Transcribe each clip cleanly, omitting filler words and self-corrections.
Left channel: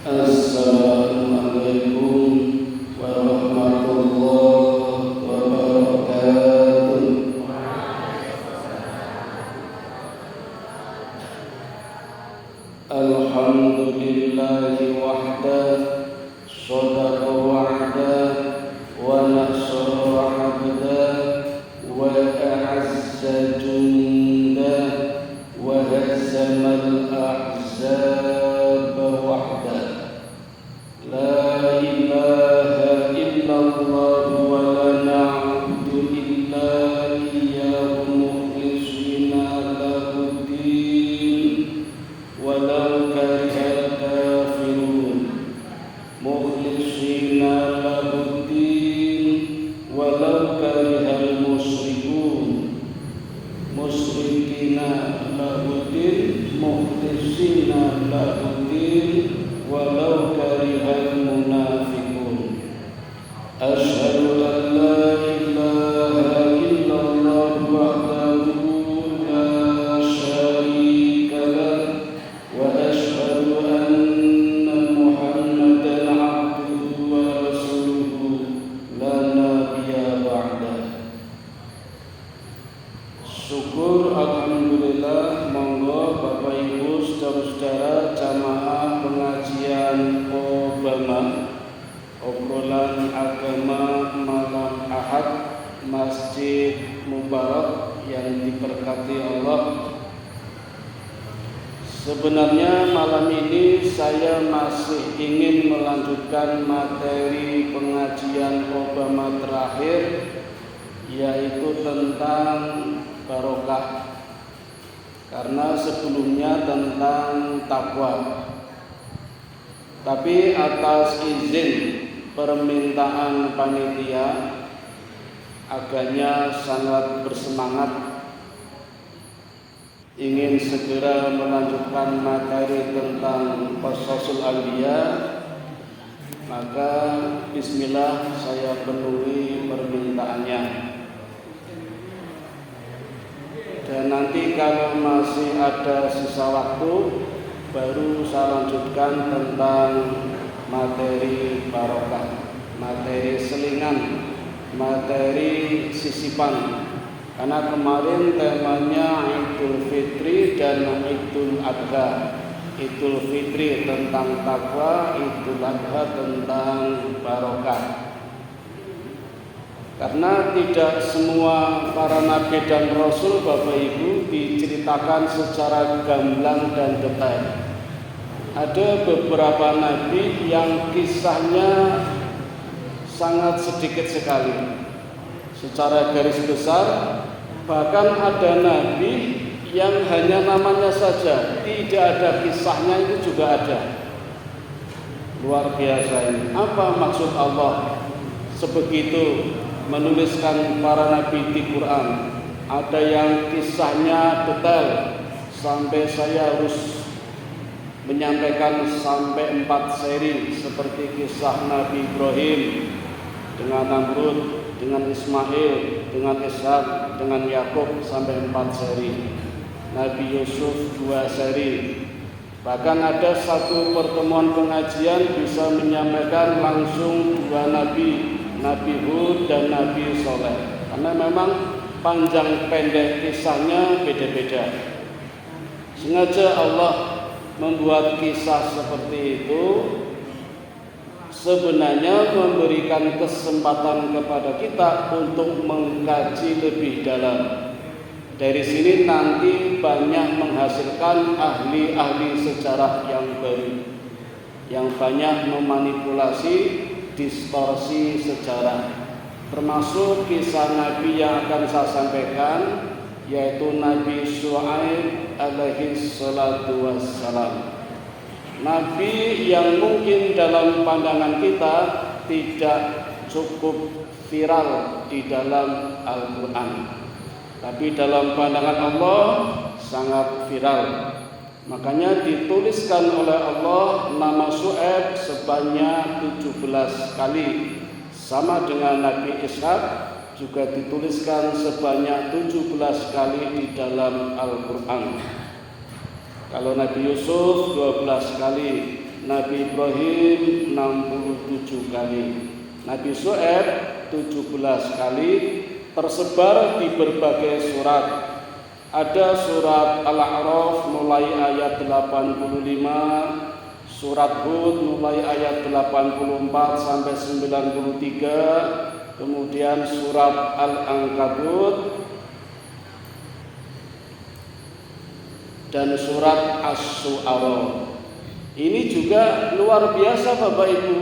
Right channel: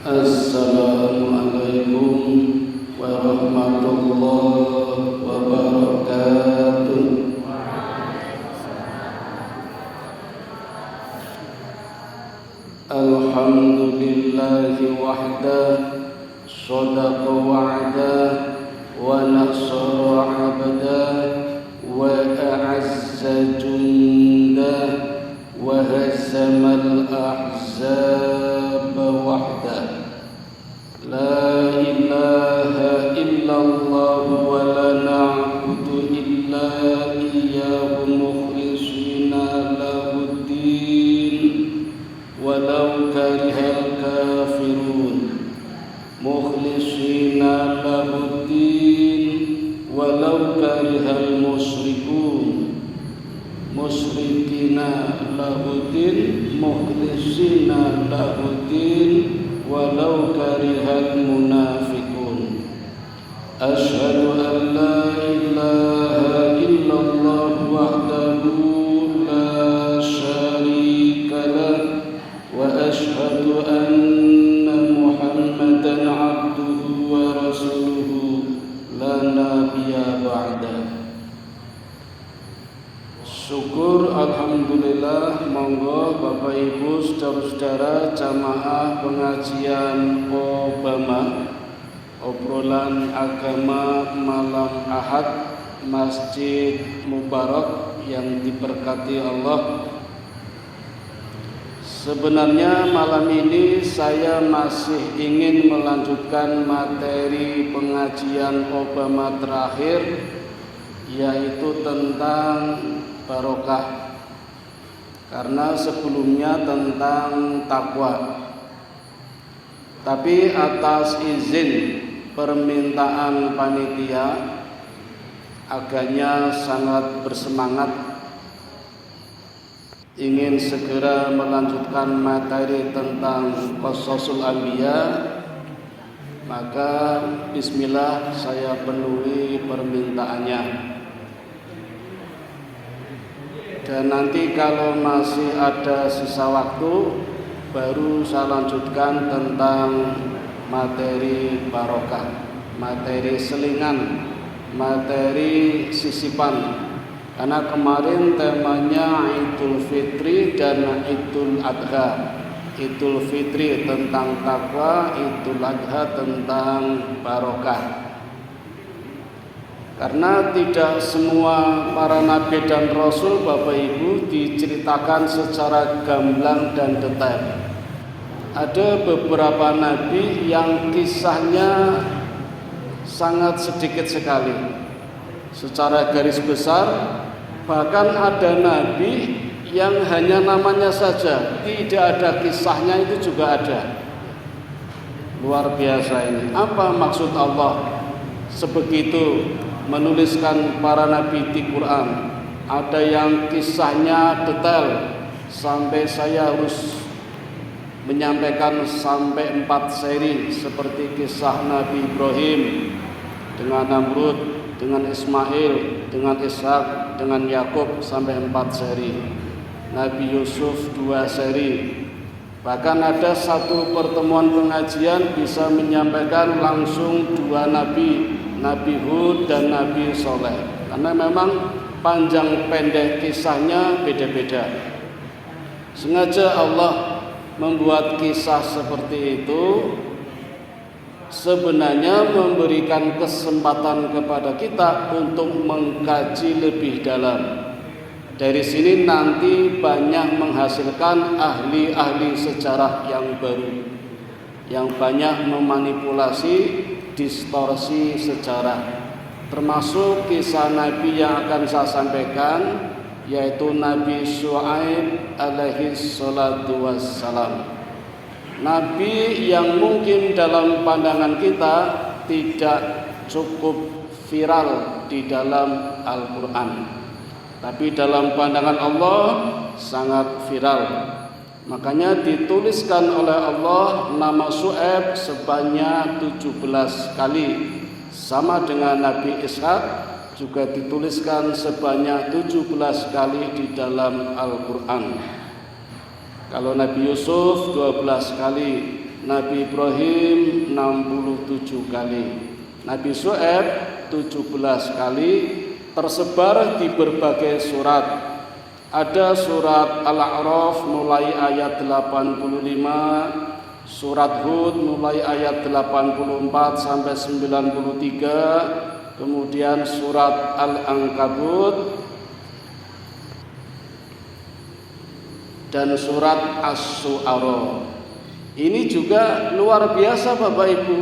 Assalamualaikum warahmatullahi wabarakatuh. Alhamdulillahi wahdah, shadaqa wa'dah, wa nasara 'abdah, wa a'azza jundah, wa hazamal ahzab wahdah. La ilaha illallah wa la na'budu illa iyyahu mukhlishina lahuddin walau karihal kafirun. Mukhlishina lahuddin walau karihal musyrikun. Musyrikina lahuddin, mukhlishina lahuddin walau karihal munafiqun. Asyhadu an la ilaha illallah wahdahu la syarika lah, wa asyhadu anna Muhammadan abduhu wa rasuluhu la nabiyya ba'dah. Syukur alhamdulillah, monggo Bapak Ibu saudara-saudara jamaah pengajian Obama, obrolan agama malam Ahad, Masjid Mubarak yang diberkati Allah. Sebenarnya malam ini saya masih ingin melanjutkan materi pengajian Obama terakhir, yaitu tentang barokah, karena sebelumnya tentang takwa. Tapi atas izin permintaan panitia, agaknya sangat bersemangat ingin segera melanjutkan materi tentang Qasasul Anbiya, maka bismillah saya penuhi permintaannya. Dan nanti kalau masih ada sisa waktu, baru saya lanjutkan tentang materi barokah, materi selingan, materi sisipan. Karena kemarin temanya Idul Fitri dan Idul Adha. Idul Fitri tentang takwa, Idul Adha tentang barokah. Karena tidak semua para nabi dan rasul Bapak Ibu diceritakan secara gamblang dan detail. Ada beberapa nabi yang kisahnya sangat sedikit sekali secara garis besar. Bahkan ada nabi yang hanya namanya saja, tidak ada kisahnya, itu juga ada. Luar biasa ini. Apa maksud Allah sebegitu menuliskan para nabi di Quran? Ada yang kisahnya detail sampai saya harus menyampaikan sampai 4 seri, seperti kisah Nabi Ibrahim dengan Namrud, dengan Ismail, dengan Ishak, dengan Yakub, sampai 4 seri. Nabi Yusuf 2 seri. Bahkan ada satu pertemuan pengajian bisa menyampaikan langsung 2 nabi, Nabi Hud dan Nabi Soleh, karena memang panjang pendek kisahnya beda-beda. Sengaja Allah membuat kisah seperti itu sebenarnya memberikan kesempatan kepada kita untuk mengkaji lebih dalam. Dari sini nanti banyak menghasilkan ahli-ahli sejarah yang baru, yang banyak memanipulasi, distorsi sejarah, termasuk kisah Nabi yang akan saya sampaikan, yaitu Nabi Syuaib alaihi salatu wassalam. Nabi yang mungkin dalam pandangan kita tidak cukup viral di dalam Al-Quran, tapi dalam pandangan Allah sangat viral. Makanya dituliskan oleh Allah nama Syuaib sebanyak 17 kali. Sama dengan Nabi Ishak juga dituliskan sebanyak 17 kali di dalam Al-Quran. Kalau Nabi Yusuf 12 kali, Nabi Ibrahim 67 kali, Nabi Syuaib 17 kali, tersebar di berbagai surat. Ada surat Al-A'raf mulai ayat 85, surat Hud mulai ayat 84 sampai 93, kemudian surat Al-Ankabut dan surat Asy-Syu'ara. Ini juga luar biasa Bapak Ibu.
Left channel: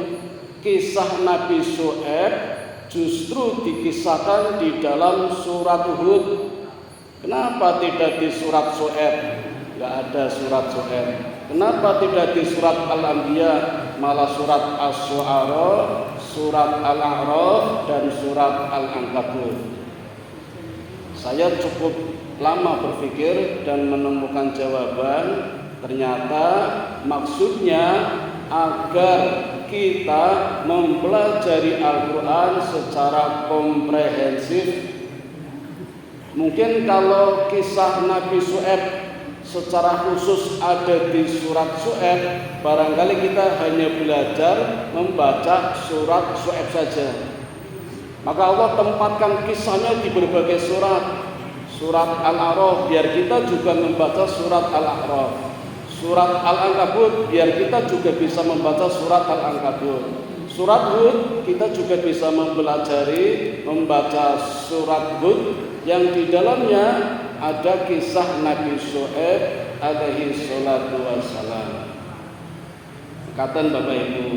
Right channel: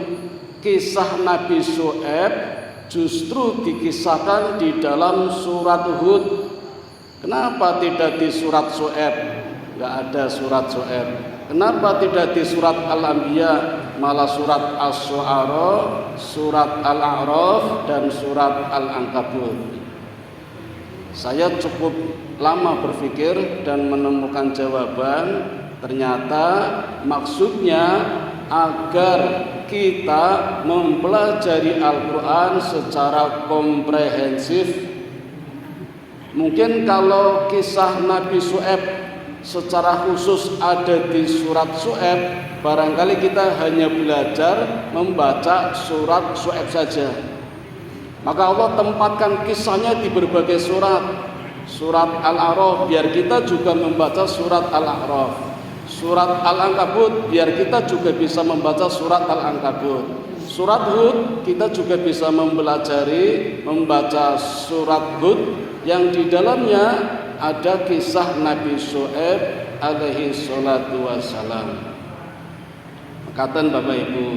Kisah Nabi Syuaib justru dikisahkan di dalam surat Hud. Kenapa tidak di surat Syuaib? Enggak ada surat Syuaib. Kenapa tidak di surat Al-Anbiya? Malah surat Asy-Syu'ara, surat Al-A'raf dan surat Al-Ankabut. Saya cukup lama berpikir dan menemukan jawaban. Ternyata maksudnya agar kita mempelajari Al-Quran secara komprehensif. Mungkin kalau kisah Nabi Syuaib secara khusus ada di surat Syuaib, barangkali kita hanya belajar membaca surat Syuaib saja. Maka Allah tempatkan kisahnya di berbagai surat. Surat Al-A'raf biar kita juga membaca surat Al-A'raf. Surat Al-Ankabut biar kita juga bisa membaca surat Al-Ankabut. Surat Hud kita juga bisa mempelajari membaca surat Hud yang di dalamnya ada kisah Nabi Syuaib alaihi salatu wassalam. Katakan Bapak Ibu,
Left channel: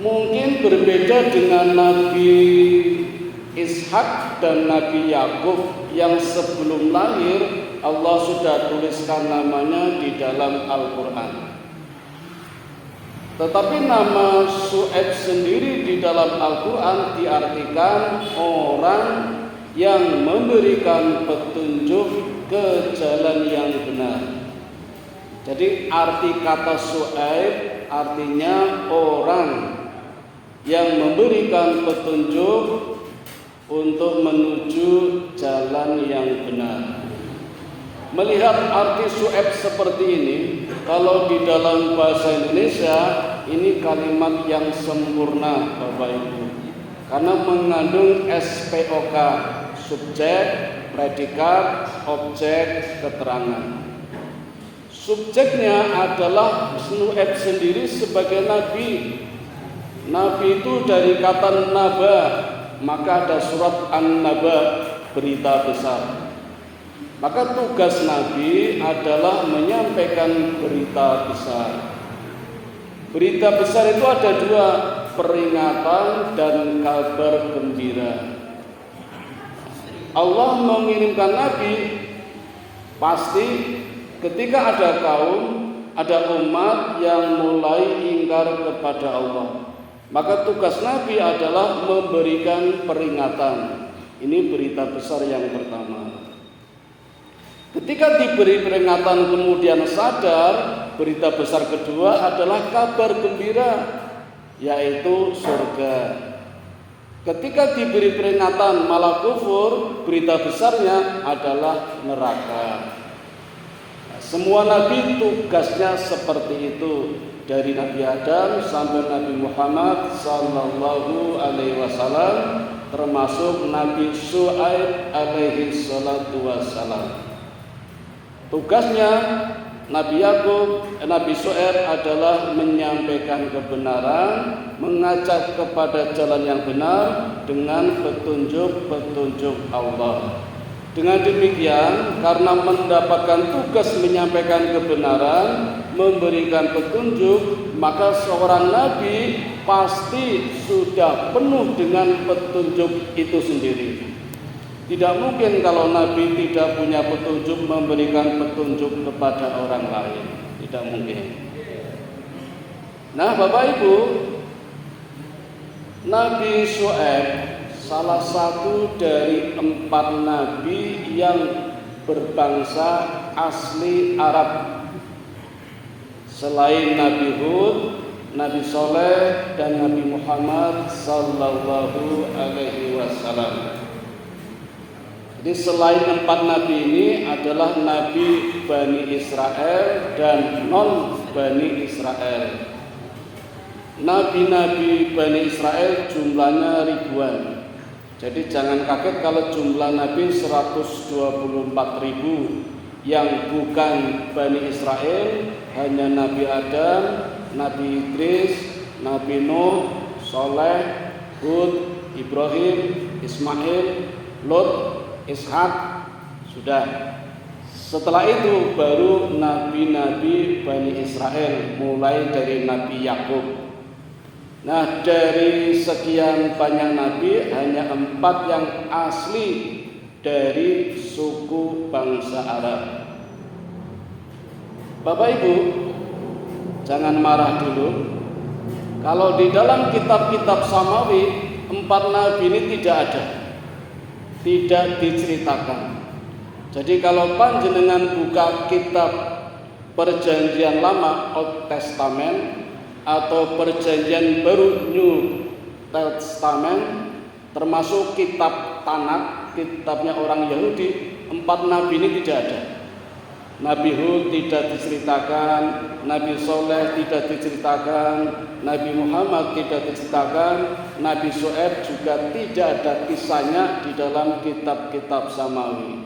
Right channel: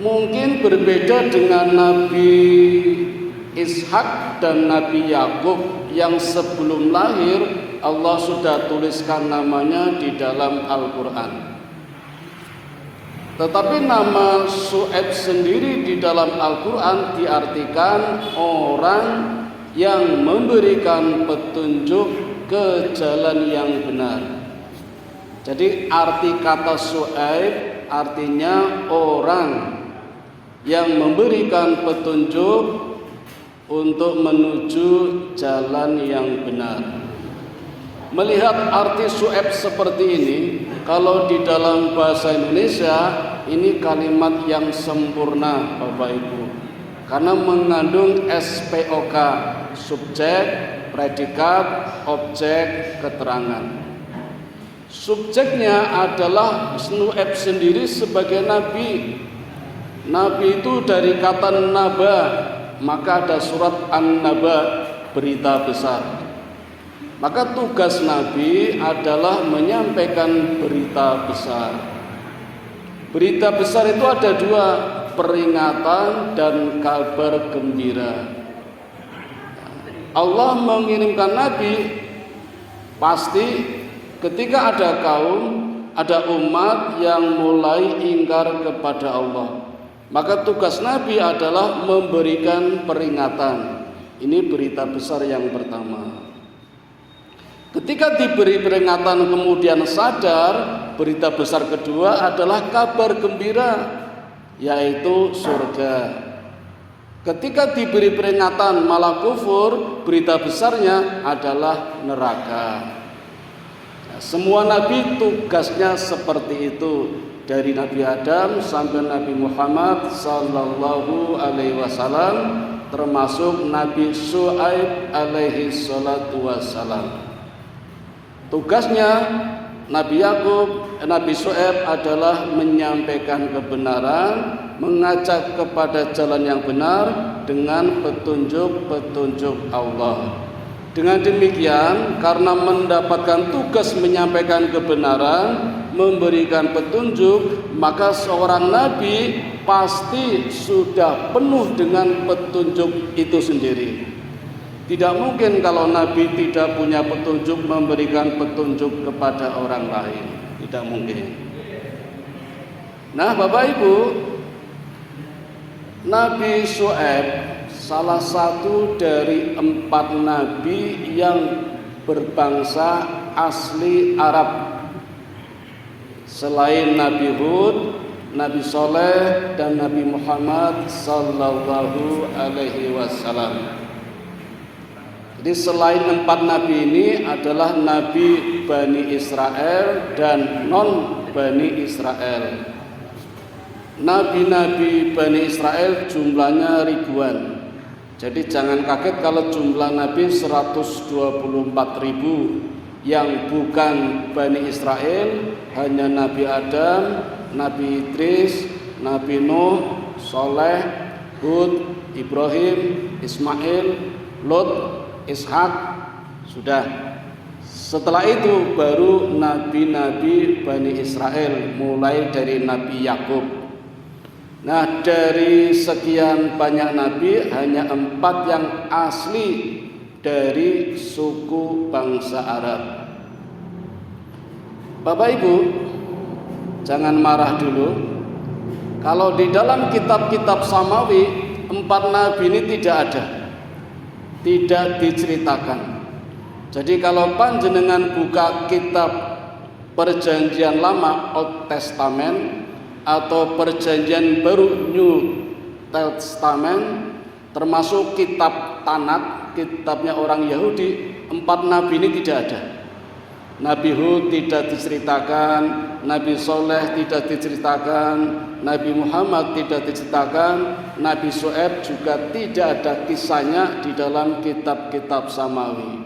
mungkin berbeda dengan Nabi Ishak dan Nabi Yakub yang sebelum lahir Allah sudah tuliskan namanya di dalam Al-Quran. Tetapi nama Syuaib sendiri di dalam Al-Quran diartikan orang yang memberikan petunjuk ke jalan yang benar. Jadi arti kata Syuaib artinya orang yang memberikan petunjuk untuk menuju jalan yang benar. Melihat arti Syuaib seperti ini, kalau di dalam bahasa Indonesia ini kalimat yang sempurna Bapak Ibu, karena mengandung SPOK, subjek, predikat, objek, keterangan. Subjeknya adalah Syuaib sendiri sebagai nabi. Nabi itu dari kata naba, maka ada surat An-Naba, berita besar. Maka tugas Nabi adalah menyampaikan berita besar. Berita besar itu ada dua, peringatan dan kabar gembira. Allah mengirimkan Nabi pasti ketika ada kaum, ada umat yang mulai ingkar kepada Allah. Maka tugas Nabi adalah memberikan peringatan. Ini berita besar yang pertama. Ketika diberi peringatan kemudian sadar, berita besar kedua adalah kabar gembira, yaitu surga. Ketika diberi peringatan malah kufur, berita besarnya adalah neraka. Semua nabi tugasnya seperti itu, dari Nabi Adam sampai Nabi Muhammad sallallahu alaihi wasallam, termasuk Nabi Syuaib alaihi salatu wassalam. Tugasnya Nabi Syuaib adalah menyampaikan kebenaran, mengajak kepada jalan yang benar dengan petunjuk-petunjuk Allah. Dengan demikian, karena mendapatkan tugas menyampaikan kebenaran, memberikan petunjuk, maka seorang nabi pasti sudah penuh dengan petunjuk itu sendiri. Tidak mungkin kalau Nabi tidak punya petunjuk memberikan petunjuk kepada orang lain. Tidak mungkin. Nah Bapak Ibu, Nabi Syuaib salah satu dari 4 nabi yang berbangsa asli Arab. Selain Nabi Hud, Nabi Saleh dan Nabi Muhammad sallallahu alaihi wasallam. Jadi selain 4 nabi ini adalah nabi Bani Israel dan non Bani Israel. Nabi-nabi Bani Israel jumlahnya ribuan. Jadi jangan kaget kalau jumlah nabi 124.000 yang bukan Bani Israel, hanya Nabi Adam, Nabi Idris, Nabi Nuh, Soleh, Hud, Ibrahim, Ismail, Lot, Ishak, sudah. Setelah itu baru nabi-nabi Bani Israel, mulai dari Nabi Yakub. Nah, dari sekian banyak nabi hanya 4 yang asli dari suku bangsa Arab. Bapak Ibu, jangan marah dulu. Kalau di dalam kitab-kitab Samawi 4 nabi ini tidak ada, tidak diceritakan. Jadi kalau panjenengan buka kitab Perjanjian Lama Old Testament atau Perjanjian Baru New Testament, termasuk kitab Tanakh, kitabnya orang Yahudi, 4 nabi ini tidak ada. Nabi Hud tidak diceritakan, Nabi Soleh tidak diceritakan, Nabi Muhammad tidak diceritakan, Nabi Syuaib juga tidak ada kisahnya di dalam kitab-kitab Samawi.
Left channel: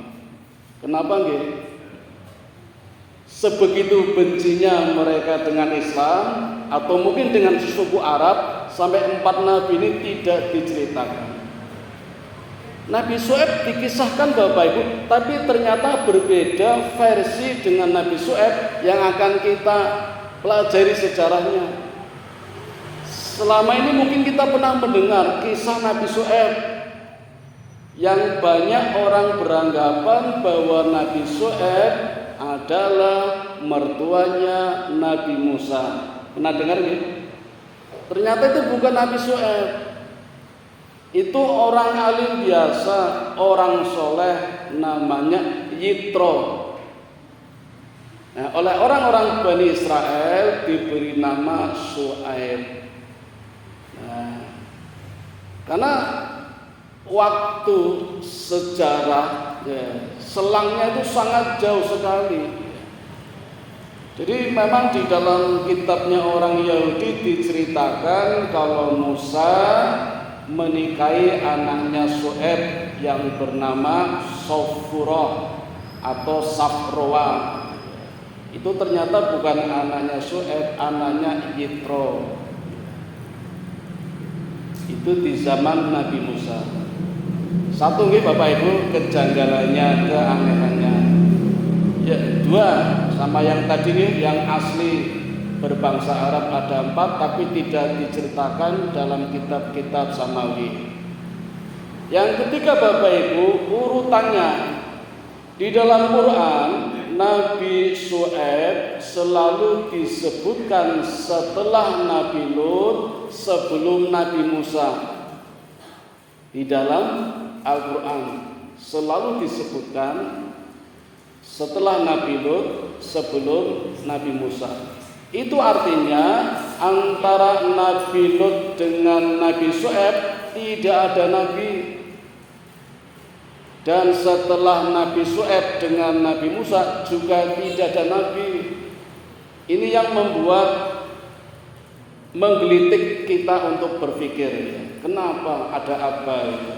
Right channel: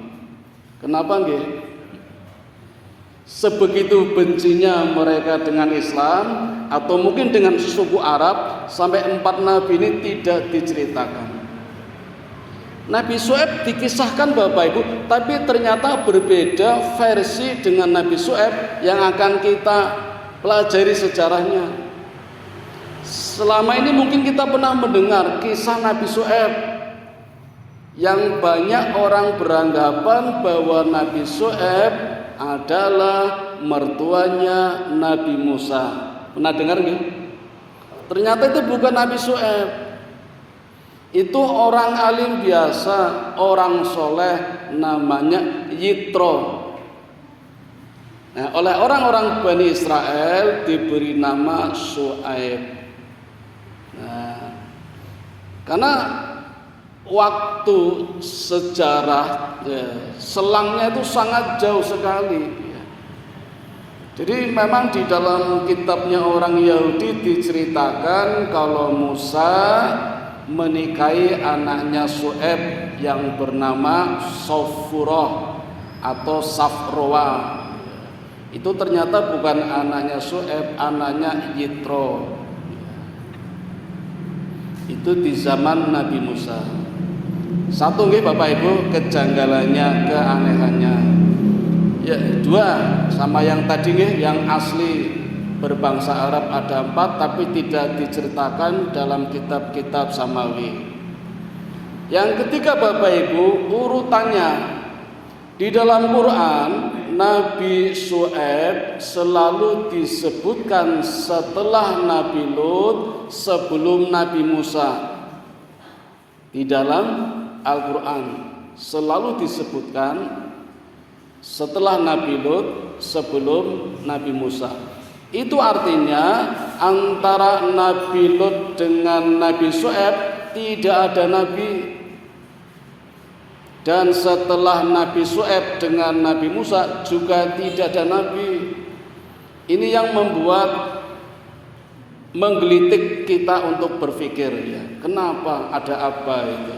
Kenapa nggih? Sebegitu bencinya mereka dengan Islam atau mungkin dengan suku Arab sampai 4 nabi ini tidak diceritakan. Nabi Syuaib dikisahkan Bapak Ibu, tapi ternyata berbeda versi dengan Nabi Syuaib yang akan kita pelajari sejarahnya. Selama ini mungkin kita pernah mendengar kisah Nabi Syuaib, yang banyak orang beranggapan bahwa Nabi Syuaib adalah mertuanya Nabi Musa. Pernah dengar nggih? Ternyata itu bukan Nabi Syuaib. Itu orang alim biasa, orang soleh, namanya Yitro. Nah, oleh orang-orang Bani Israel diberi nama Syuaib. Nah, karena waktu sejarah selangnya itu sangat jauh sekali. Jadi memang di dalam kitabnya orang Yahudi diceritakan kalau Musa menikahi anaknya Syuaib yang bernama Sofurah atau Safroa. Itu ternyata bukan anaknya Syuaib, anaknya Yitro. Itu di zaman Nabi Musa. Satu nggih Bapak Ibu kejanggalannya, keanehannya. Ya, 2 sama yang tadi nih, yang asli berbangsa Arab ada 4 tapi tidak diceritakan dalam kitab-kitab Samawi. Yang ketiga Bapak Ibu, urutannya di dalam Quran Nabi Syuaib selalu disebutkan setelah Nabi Lut, sebelum Nabi Musa. Di dalam Al-Quran selalu disebutkan setelah Nabi Lut, sebelum Nabi Musa. Itu artinya antara Nabi Lut dengan Nabi Syuaib tidak ada nabi. Dan setelah Nabi Syuaib dengan Nabi Musa juga tidak ada nabi. Ini yang membuat menggelitik kita untuk berpikir, ya, kenapa, ada apa itu?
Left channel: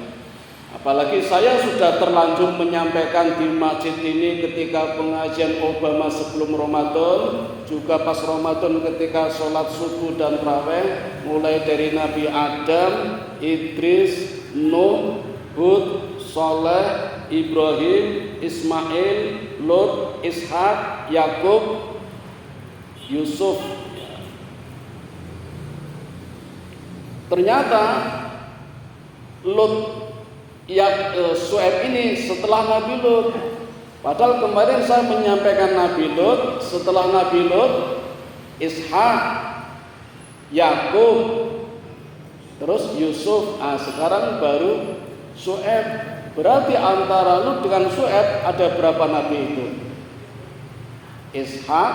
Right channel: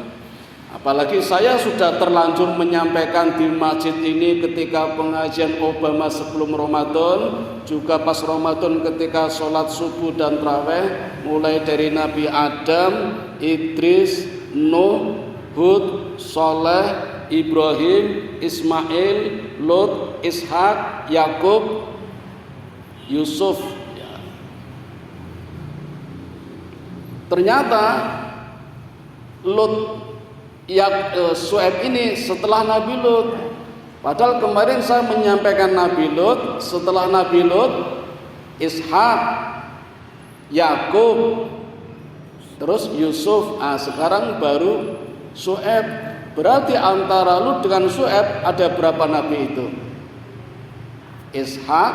Apalagi saya sudah terlanjur menyampaikan di masjid ini ketika pengajian Obama sebelum Ramadan, juga pas Ramadan ketika sholat subuh dan tarawih, mulai dari Nabi Adam, Idris, Nuh, Hud, Soleh, Ibrahim, Ismail, Lot, Ishak, Yakub, Yusuf. Ternyata Lot Syuaib ini setelah Nabi Lut. Padahal kemarin saya menyampaikan Nabi Lut, setelah Nabi Lut Ishak, Yakub, terus Yusuf. Sekarang baru Syuaib. Berarti antara Lut dengan Syuaib ada berapa nabi itu? Ishak,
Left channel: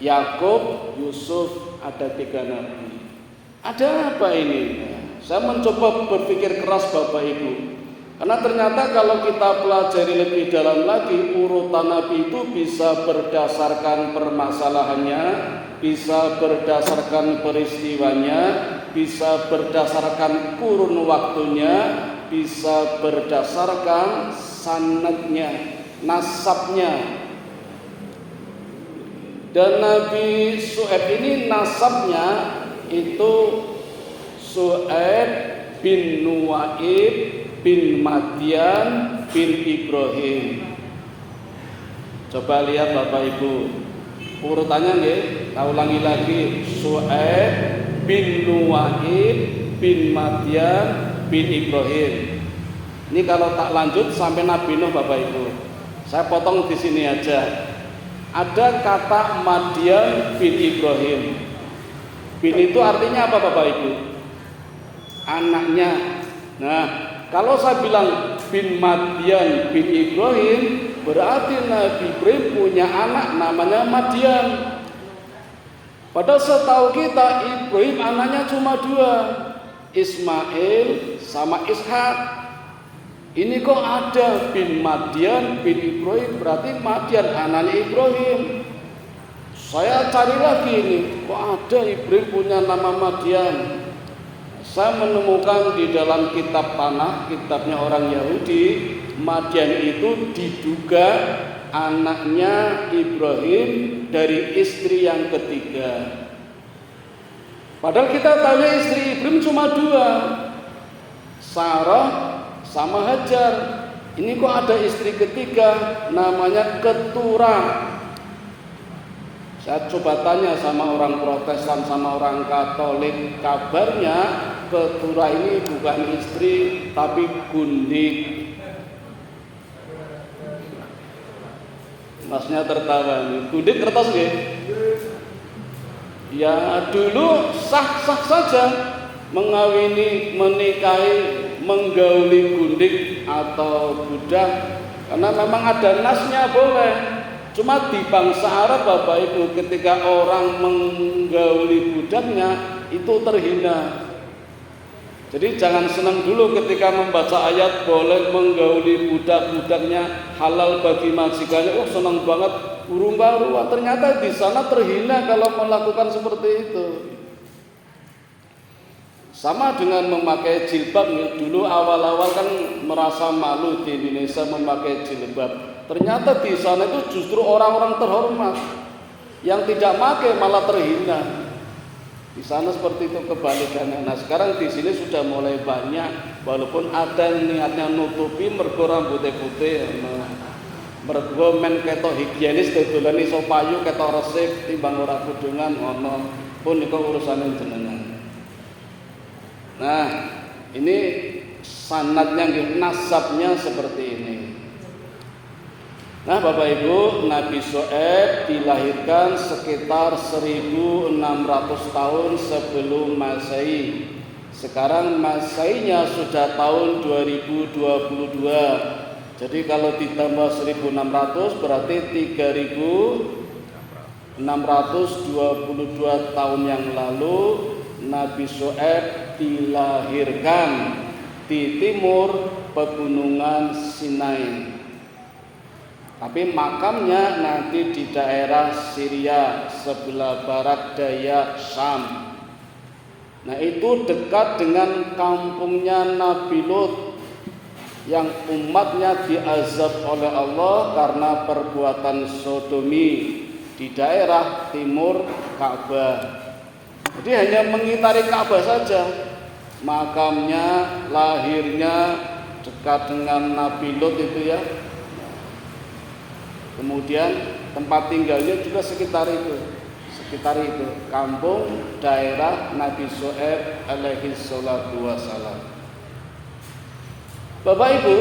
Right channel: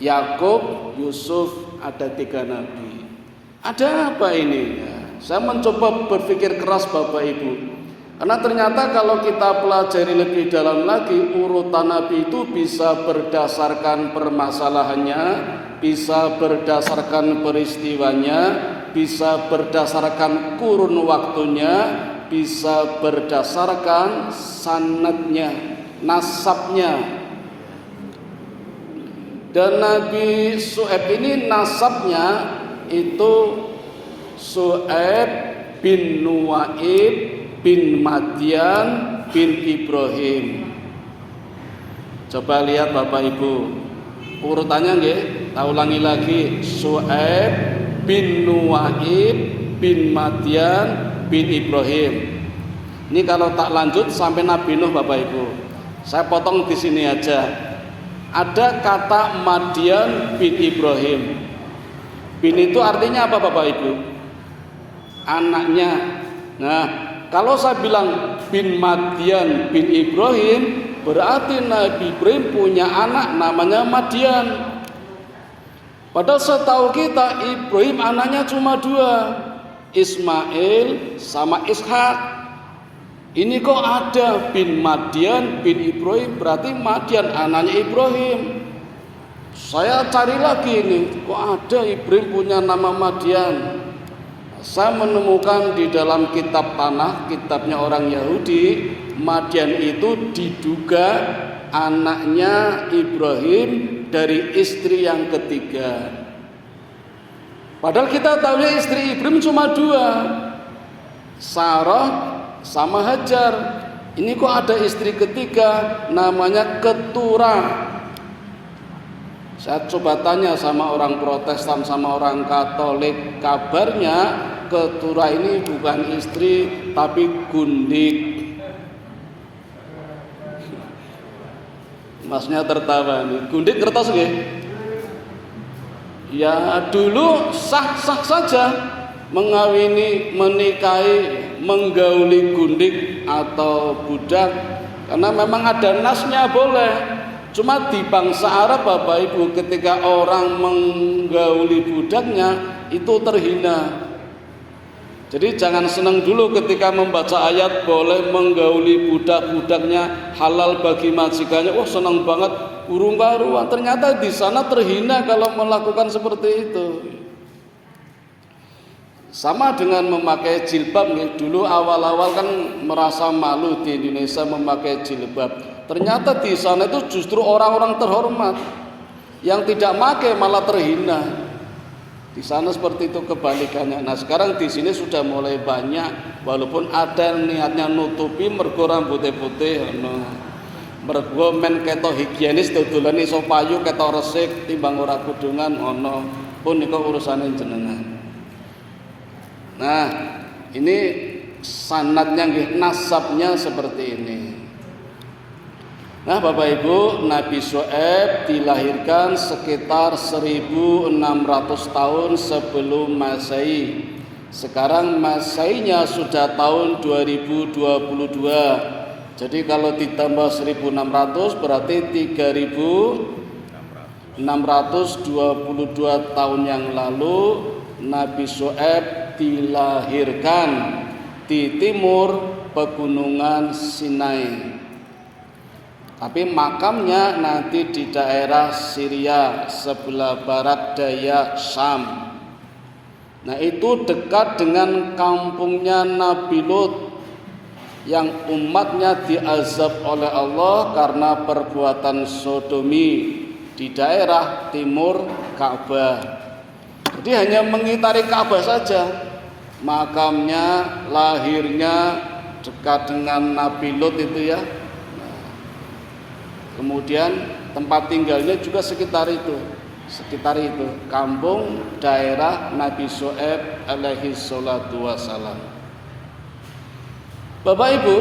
Yakub, Yusuf, ada 3 nabi. Ada apa ini? Saya mencoba berpikir keras Bapak Ibu. Karena ternyata kalau kita pelajari lebih dalam lagi, urutan Nabi itu bisa berdasarkan permasalahannya, bisa berdasarkan peristiwanya, bisa berdasarkan kurun waktunya, bisa berdasarkan sanadnya, nasabnya. Dan Nabi Syuaib ini nasabnya itu Syuaib bin Nuwaib bin Madian bin Ibrahim. Coba lihat Bapak Ibu, urutannya nggih, tak ulangi lagi, Syuaib bin Nuwaib bin Madian bin Ibrahim. Ini kalau tak lanjut sampai Nabi Nuh Bapak Ibu. Saya potong di sini aja. Ada kata Madian bin Ibrahim. Bin itu artinya apa Bapak Ibu? Anaknya. Nah, kalau saya bilang bin Madian bin Ibrahim, berarti Nabi Ibrahim punya anak namanya Madian. Padahal setahu kita Ibrahim anaknya cuma 2, Ismail sama Ishak. Ini kok ada bin Madian bin Ibrahim, berarti Madian anaknya Ibrahim. Saya cari lagi ini, kok ada Ibrahim punya nama Madian. Saya menemukan di dalam kitab Tanakh, kitabnya orang Yahudi, Madian itu diduga anaknya Ibrahim dari istri yang ketiga. Padahal kita tahu istri Ibrahim cuma 2, Sarah sama Hajar. Ini kok ada istri ketiga namanya Keturah. Saya coba tanya sama orang Protestan sama orang Katolik, kabarnya Keturah ini bukan istri tapi gundik. Masnya tertawa nih. Gundik kertas nggih? Ya dulu sah-sah saja mengawini, menikahi, menggauli gundik atau budak, karena memang ada nasnya boleh. Cuma di bangsa Arab Bapak Ibu, ketika orang menggauli budaknya itu terhina. Jadi jangan senang dulu ketika membaca ayat boleh menggauli budak-budaknya, halal bagi majikannya. Oh senang banget, burung baruan. Ternyata di sana terhina kalau melakukan seperti itu. Sama dengan memakai jilbab nih. Dulu awal-awal kan merasa malu di Indonesia memakai jilbab. Ternyata di sana itu justru orang-orang terhormat. Yang tidak pakai malah terhina. Di sana seperti itu kebalikannya. Nah sekarang di sini sudah mulai banyak, walaupun ada niatnya nutupi mergo rambutnya putih, mergo men ketok higienis dodolan iso payu ketok resik timbang ora kudungan ono pun niku urusane jenengan. Nah ini sanadnya nasabnya seperti ini. Nah Bapak Ibu, Nabi Syuaib dilahirkan sekitar 1600 tahun sebelum Masehi. Sekarang Maseinya sudah tahun 2022. Jadi kalau ditambah 1600 berarti 3622 tahun yang lalu Nabi Syuaib dilahirkan di timur pegunungan Sinai. Tapi makamnya nanti di daerah Syria sebelah barat daya Syam. Nah itu dekat dengan kampungnya Nabi Lut yang umatnya diazab oleh Allah karena perbuatan sodomi di daerah timur Ka'bah. Jadi hanya mengitari Ka'bah saja. Makamnya, lahirnya dekat dengan Nabi Lut itu ya. Kemudian tempat tinggalnya juga sekitar itu, kampung daerah Nabi Syuaib alaihi salatu wassalam. Bapak Ibu,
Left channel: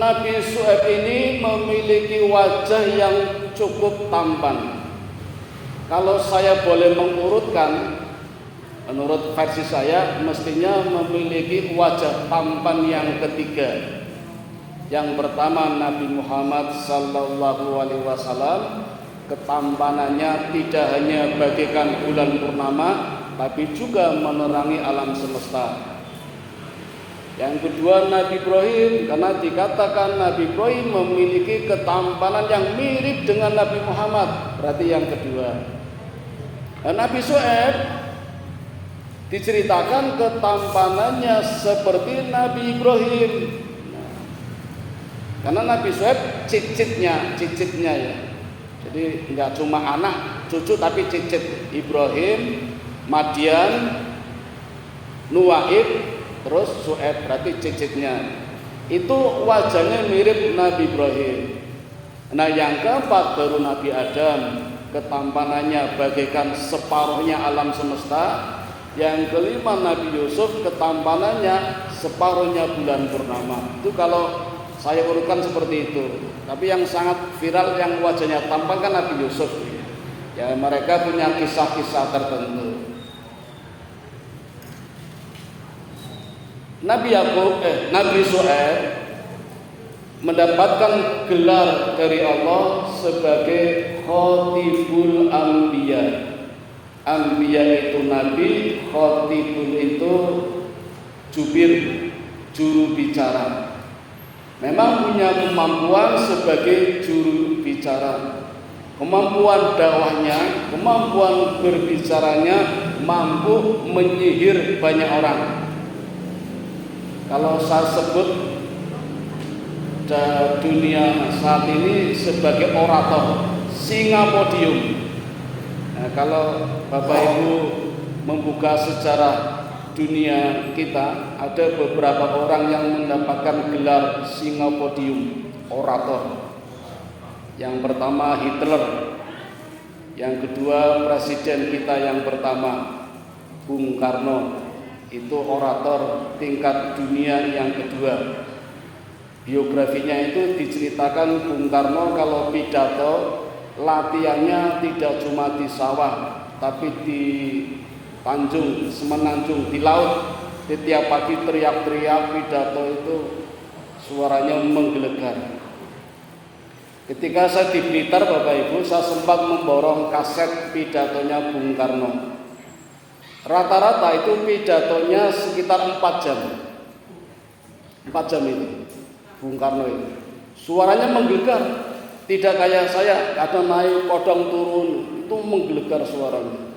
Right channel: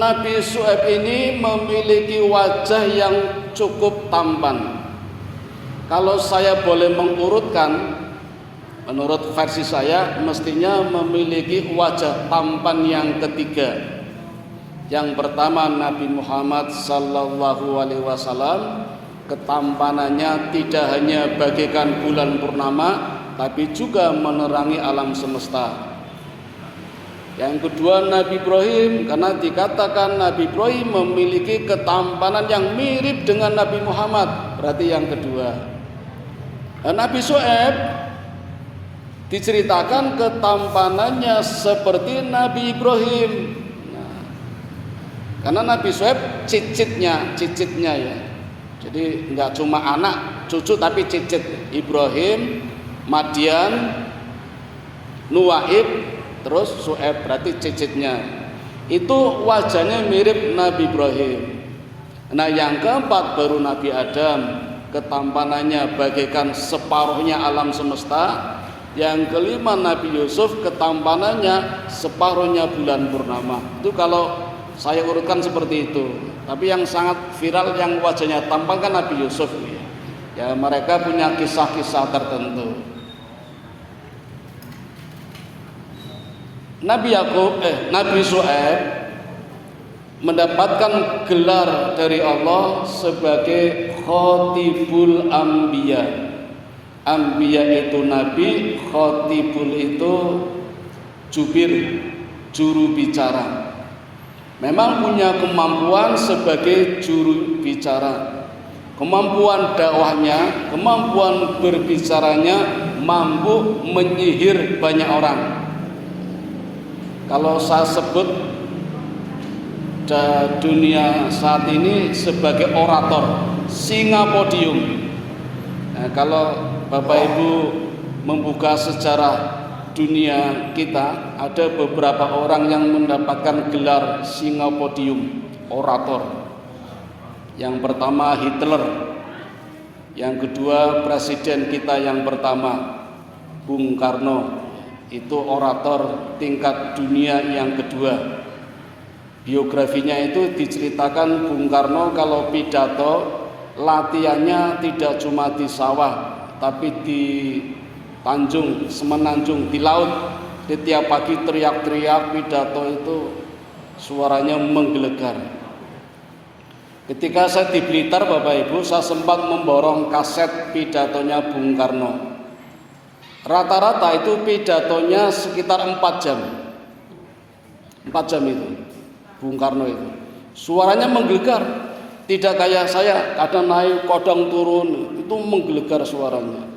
Nabi Syuaib ini memiliki wajah yang cukup tampan. Kalau saya boleh mengurutkan, menurut versi saya mestinya memiliki wajah tampan yang ketiga. Yang pertama Nabi Muhammad sallallahu alaihi wasallam, ketampanannya tidak hanya bagaikan bulan purnama tapi juga menerangi alam semesta. Yang kedua Nabi Ibrahim, karena dikatakan Nabi Ibrahim memiliki ketampanan yang mirip dengan Nabi Muhammad, berarti yang kedua. Nabi Syuaib diceritakan ketampanannya seperti Nabi Ibrahim. Karena Nabi Syuaib cicitnya ya. Jadi enggak cuma anak, cucu tapi cicit. Ibrahim, Madian, Nuaib, terus Syuaib, berarti cicitnya. Itu wajahnya mirip Nabi Ibrahim. Nah, yang keempat baru Nabi Adam, ketampanannya bagaikan separuhnya alam semesta. Yang kelima Nabi Yusuf, ketampanannya separuhnya bulan purnama. Itu kalau saya urutkan seperti itu. Tapi yang sangat viral yang wajahnya tampan kan Nabi Yusuf. Ya, mereka punya kisah-kisah tertentu. Nabi Syuaib mendapatkan gelar dari Allah sebagai Khatibul Anbiya. Anbiya itu nabi, Khatibul itu jubir, juru bicara. Memang punya kemampuan sebagai juru bicara. Kemampuan dakwahnya, kemampuan berbicaranya mampu menyihir banyak orang. Kalau saya sebut dunia saat ini sebagai orator, singa podium. Nah, kalau Bapak Ibu membuka sejarah dunia kita, ada beberapa orang yang mendapatkan gelar singa podium, orator. Yang pertama Hitler, yang kedua presiden kita yang pertama Bung Karno. Itu orator tingkat dunia yang kedua. Biografinya itu diceritakan Bung Karno kalau pidato latihannya tidak cuma di sawah, tapi di Tanjung, Semenanjung, di laut. Setiap pagi teriak-teriak pidato itu suaranya menggelegar. Ketika saya di Blitar Bapak Ibu, saya sempat memborong kaset pidatonya Bung Karno. Rata-rata itu pidatonya sekitar 4 jam. 4 jam itu Bung Karno itu. Suaranya menggelegar. Tidak kayak saya, ada naik kodang turun, itu menggelegar suaranya.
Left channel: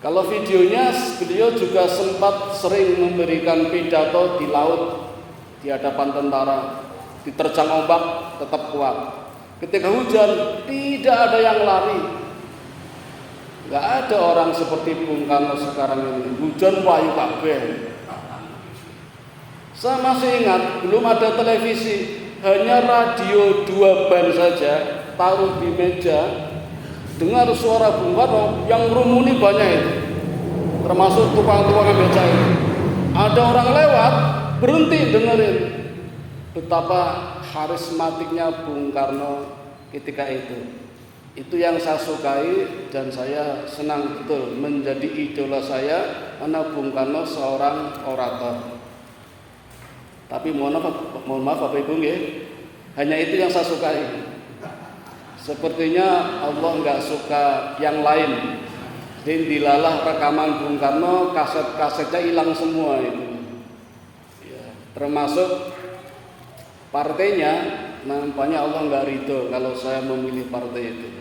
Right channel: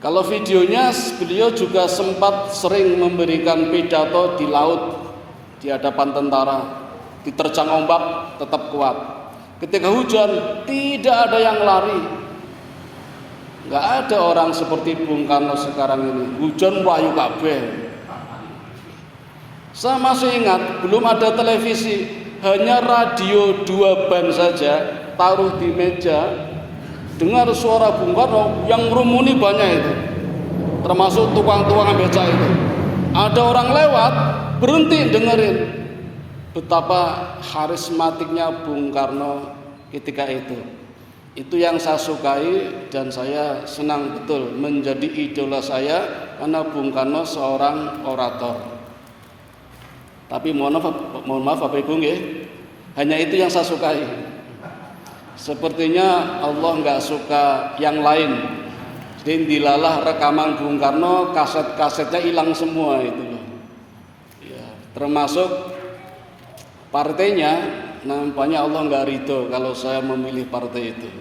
Kalau videonya beliau juga sempat sering memberikan pidato di laut, di hadapan tentara, diterjang ombak tetap kuat. Ketika hujan tidak ada yang lari. Gak ada orang seperti Bung Karno sekarang ini. Hujan wahyu kabeh. Saya masih ingat belum ada televisi, hanya radio 2 ban saja, taruh di meja, dengar suara Bung Karno yang rumuni banyak itu. Termasuk tukang-tukang beca itu. Ada orang lewat, berhenti dengerin. Betapa karismatiknya Bung Karno ketika itu. Itu yang saya sukai dan saya senang betul menjadi idola saya karena Bung Karno seorang orator. Tapi mohon maaf Bapak Ibu nggih, hanya itu yang saya sukai. Sepertinya Allah nggak suka yang lain. Jadi dilalah rekaman Bung Karno, kaset-kasetnya hilang semua itu. Ya, termasuk partainya. Nampaknya Allah nggak ridho kalau saya memilih partai itu.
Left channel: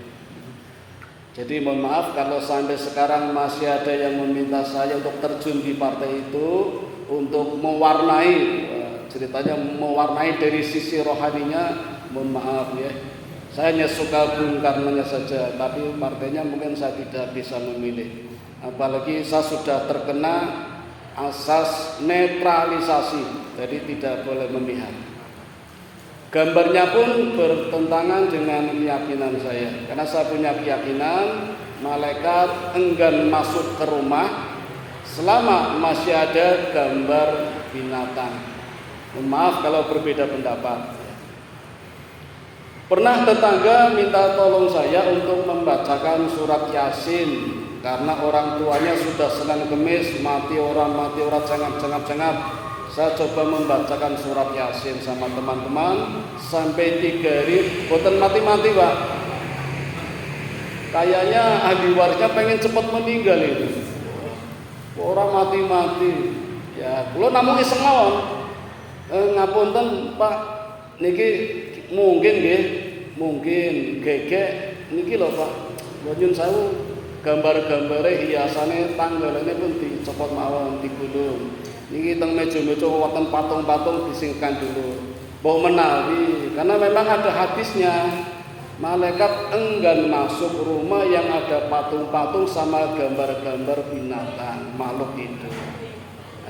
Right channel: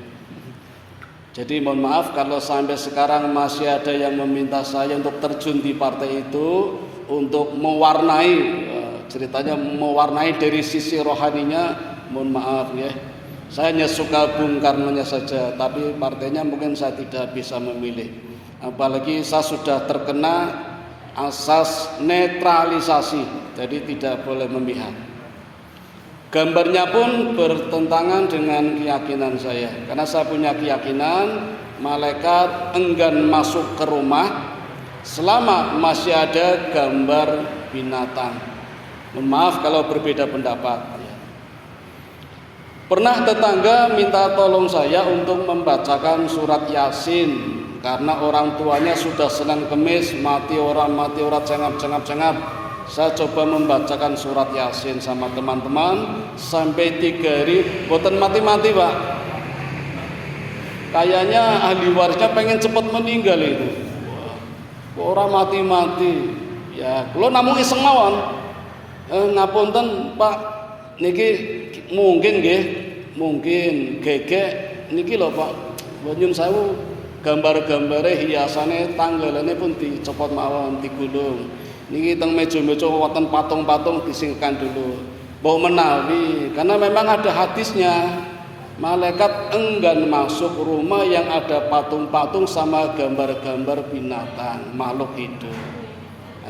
Jadi mohon maaf kalau sampai sekarang masih ada yang meminta saya untuk terjun di partai itu untuk mewarnai, ceritanya mewarnai dari sisi rohaninya. Mohon maaf ya, saya hanya suka Bung Karno-nya saja, tapi partainya mungkin saya tidak bisa memilih. Apalagi saya sudah terkena asas netralisasi, jadi tidak boleh memihak. Gambarnya pun bertentangan dengan keyakinan saya. Karena saya punya keyakinan malaikat enggan masuk ke rumah selama masih ada gambar binatang. Mohon maaf kalau berbeda pendapat. Pernah tetangga minta tolong saya untuk membacakan surat Yasin karena orang tuanya sudah Senin Kemis mati orang cengap. Saya coba membacakan surat Yasin sama teman-teman sampai 3 hari, boten mati-mati Pak. Kayaknya ahli warisnya pengen cepat meninggal itu. Orang mati-mati. Ya, kula namung iseng mawon. Ngapunten Pak, niki mungkin nggih, mungkin gegek niki lho Pak. Kula nyuwun sewu, gambar-gambare hiasane tanggalane pun dicopot mawon, digulung. Niki teng meja-meja wonten patung-patung disingkan dulu. Mbok menawi, karena memang ada hadisnya. Malaikat enggan masuk rumah yang ada patung-patung sama gambar-gambar binatang, makhluk hidup.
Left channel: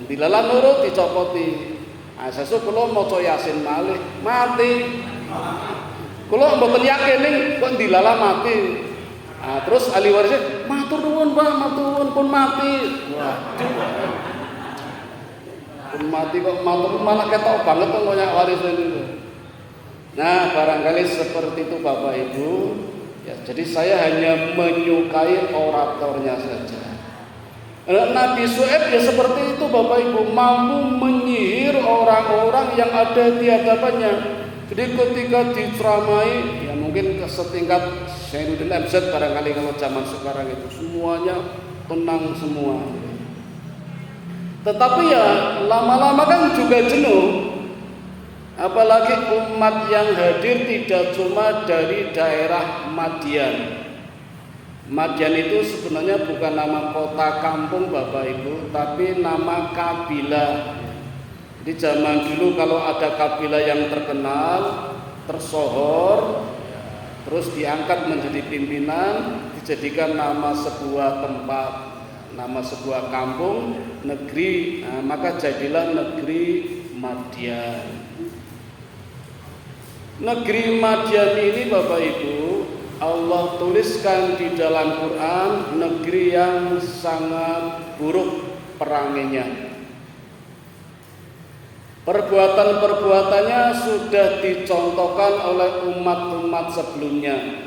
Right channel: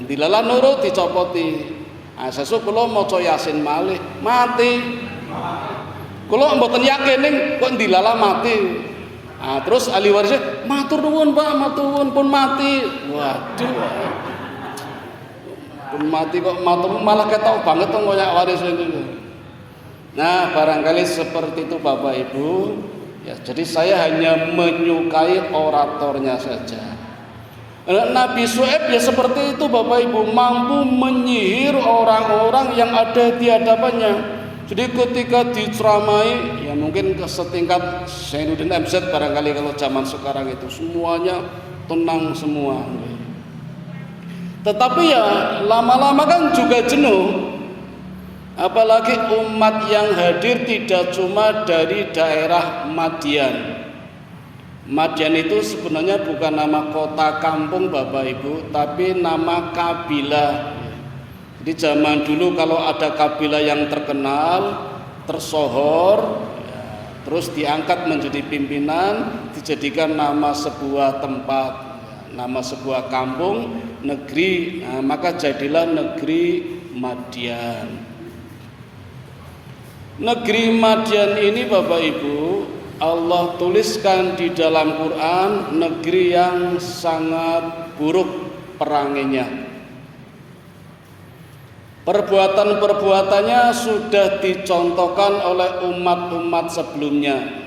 Dilala nurut dicopoti. Sesuk kula maca Yasin malih mati. Kula mboten yakin kok dilala mati. Terus ahli warisnya matur nuwun Pak, matur nuwun pun mati. Waduh. Pun mati kok matur malah ketok banget kok koyo waris niku. Nah, barangkali seperti itu Bapak Ibu. Ya, jadi saya hanya menyukai oratornya saja. Nabi Syuaib ya seperti itu Bapak Ibu, mampu menyihir orang-orang yang ada di hadapannya. Jadi ketika diceramai, ya mungkin setingkat Syainuddin MZ barangkali kalau zaman sekarang itu semuanya tenang semua. Tetapi ya lama-lama kan juga jenuh. Apalagi umat yang hadir tidak cuma dari daerah Madian. Madian itu sebenarnya bukan nama kota kampung Bapak Ibu, tapi nama kabilah. Di zaman dulu kalau ada kabilah yang terkenal, tersohor, terus diangkat menjadi pimpinan, dijadikan nama sebuah tempat, nama sebuah kampung, negeri, maka jadilah negeri Madian. Negeri Madian ini Bapak Ibu, Allah tuliskan di dalam Quran negeri yang sangat buruk peranginya. Perbuatan-perbuatannya sudah dicontohkan oleh umat-umat sebelumnya.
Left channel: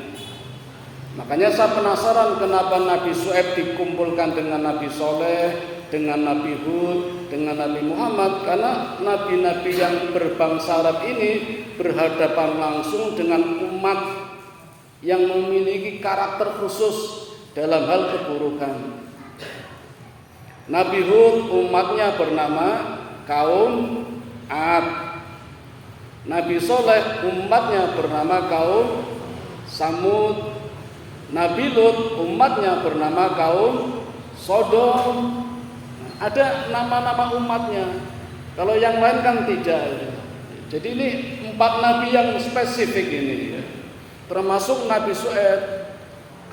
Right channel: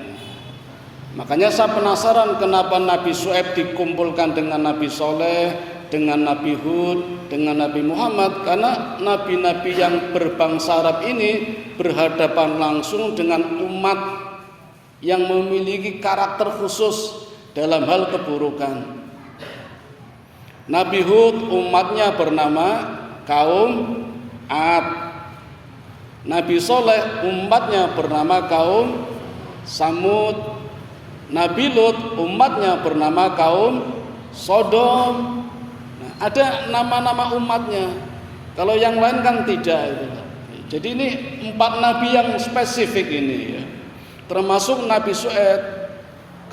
Makanya saya penasaran kenapa Nabi Syuaib dikumpulkan dengan Nabi Soleh, dengan Nabi Hud, dengan Nabi Muhammad. Karena nabi-nabi yang berbangsa Arab ini berhadapan langsung dengan umat yang memiliki karakter khusus dalam hal keburukan. Nabi Hud umatnya bernama kaum Ad. Nabi Soleh umatnya bernama kaum Samud. Nabi Lut umatnya bernama kaum Sodom. Ada nama-nama umatnya. Kalau yang lain kan tidak. Jadi ini 4 nabi yang spesifik ini ya. Termasuk Nabi Syuaib,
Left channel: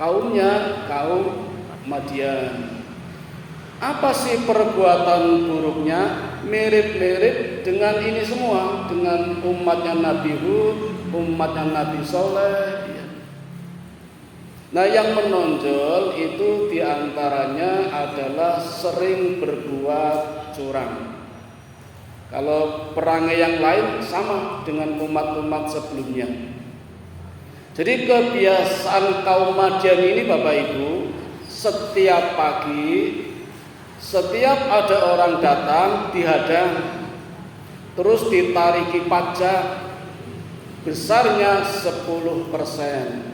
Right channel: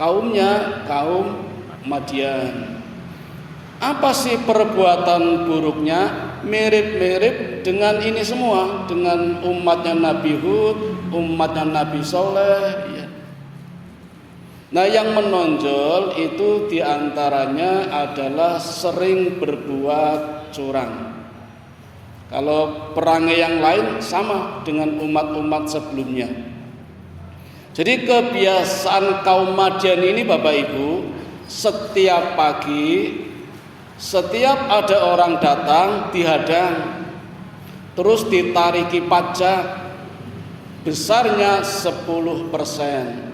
kaumnya kaum Madian. Apa sih perbuatan buruknya? Mirip-mirip dengan ini semua, dengan umatnya Nabi Hud, umatnya Nabi Soleh ya. Nah, yang menonjol itu diantaranya adalah sering berbuat curang. Kalau perangai yang lain sama dengan umat-umat sebelumnya. Jadi kebiasaan kaum Madian ini Bapak Ibu, setiap pagi, setiap ada orang datang dihadang, terus ditariki pajak besarnya 10%.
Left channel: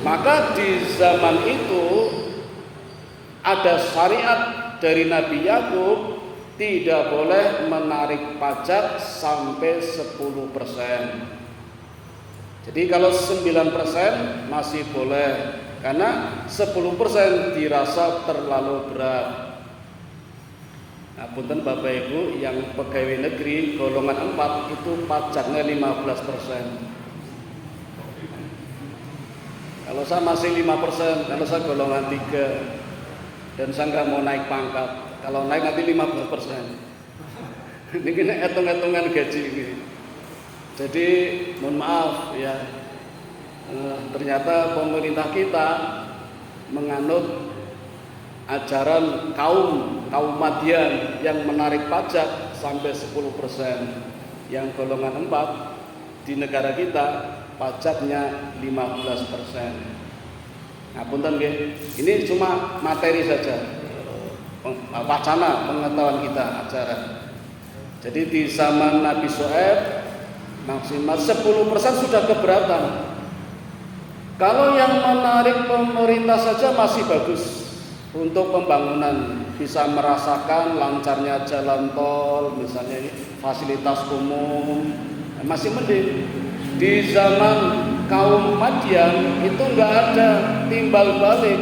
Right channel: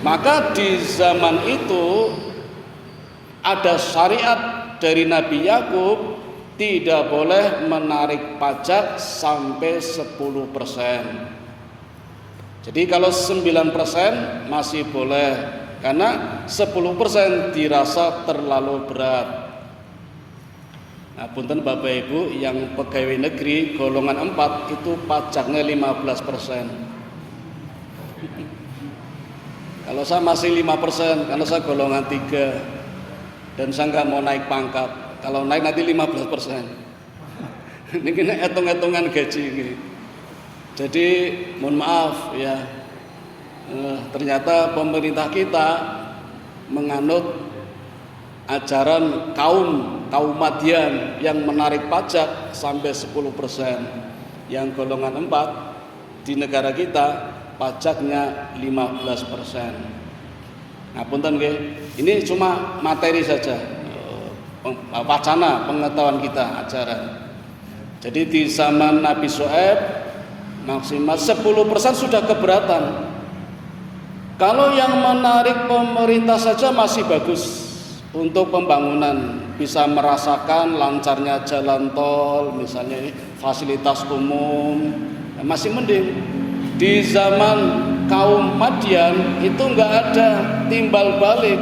Maka di zaman itu ada syariat dari Nabi Yakub tidak boleh menarik pajak sampai 10%. Jadi kalau 9% masih boleh, karena 10% dirasa terlalu berat. Nah, punten Bapak Ibu yang pegawai negeri golongan 4 itu pajaknya 15%. Kalau saya masih 5%, karena saya golongan 3 dan saya nggak mau naik pangkat. Kalau naik nanti 15%. Ini kena hitung-hitungan gaji ini. Jadi mohon maaf ya, ternyata pemerintah kita menganut ajaran kaum Madian yang menarik pajak sampai 10%. Yang golongan 4 di negara kita pajaknya 15%. Nah, punten nggih. Ini cuma materi saja. Wacana pengetahuan kita ajaran. Jadi di zaman Nabi Syuaib maksimal 10% sudah keberatan. Kalau yang menarik pemerintah saja masih bagus untuk pembangunan. bisa merasakan lancarnya jalan tol, misalnya ini fasilitas umum, masih mending. Di zaman kaum Madian itu nggak ada timbal balik,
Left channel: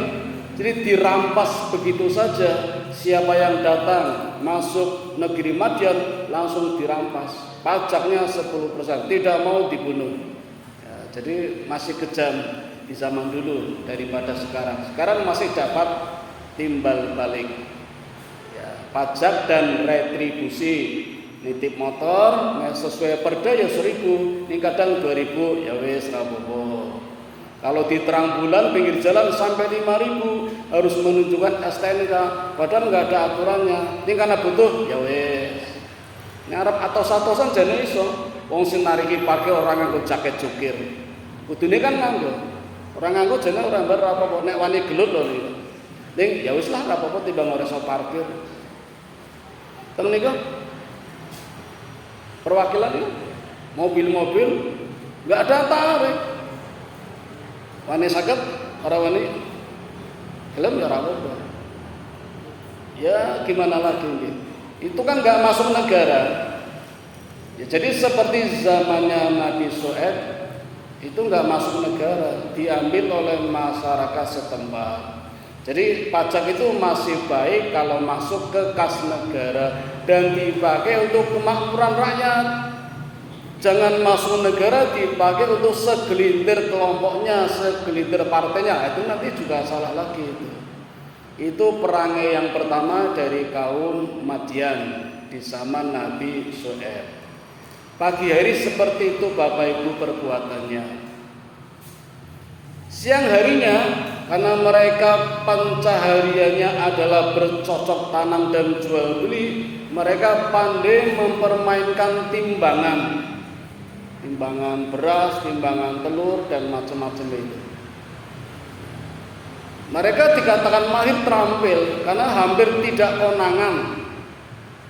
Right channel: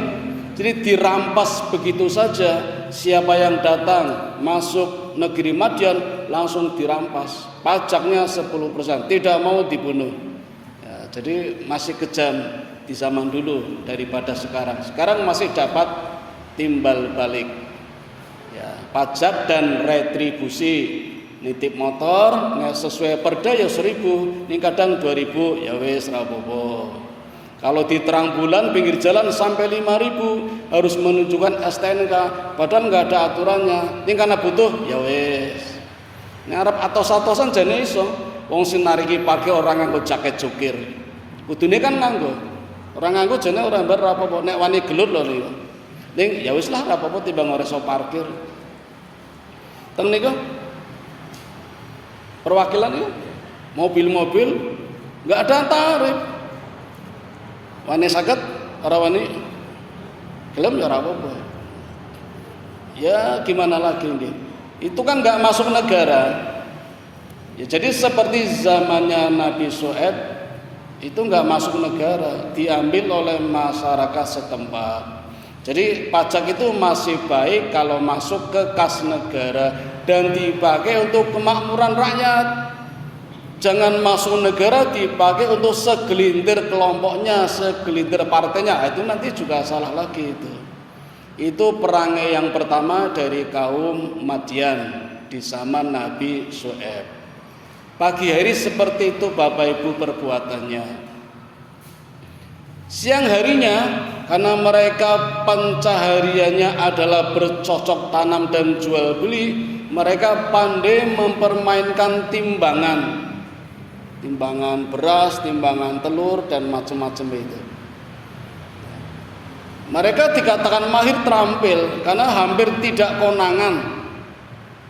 jadi dirampas begitu saja. Siapa yang datang masuk negeri Madian langsung dirampas, pajaknya 10%, tidak mau dibunuh. Ya, jadi masih kejam di zaman dulu daripada sekarang. Sekarang masih dapat timbal balik, ya, pajak dan retribusi. Nitip motor nggak sesuai perda ya 1.000, ini kadang 2.000, ya wes rapopo. Kalau di terang bulan pinggir jalan sampai 5.000 harus menunjukkan STNK, padahal nggak ada aturannya. Ini karena butuh, ya wes. Ngarep atos-atosan jane iso. Wong sing nariki pakai orang nganggo jaket jukir. Kudune kan nganggo. Orang nganggo jane ora mbar apa-apa, nek wani gelut lho niku. Ning ya wis lah apa-apa timbang ora iso parkir. Ten niku perwakilan itu mobil-mobil nggak ada tarif. Wani saged ora wani gelem ya ora apa-apa. Ya gimana lagi ini? Itu kan nggak masuk negara. Ya jadi seperti zamannya Nabi Syuaib itu nggak masuk negara, diambil oleh masyarakat setempat. Jadi pajak itu masih baik kalau masuk ke kas negara dan dipakai untuk kemakmuran rakyat. Jangan masuk negara dipakai untuk segelintir kelompoknya, segelintir partainya. Itu nanti juga salah lagi itu. Itu perangai yang pertama dari kaum Madian di zaman Nabi Syuaib. Pagi hari seperti itu Bapak Ibu perbuatannya. Siang harinya karena mereka pencahariannya adalah bercocok tanam dan jual beli, mereka pandai mempermainkan timbangan beras, timbangan telur dan macam-macam itu. Mereka dikatakan mahir terampil karena hampir tidak konangan.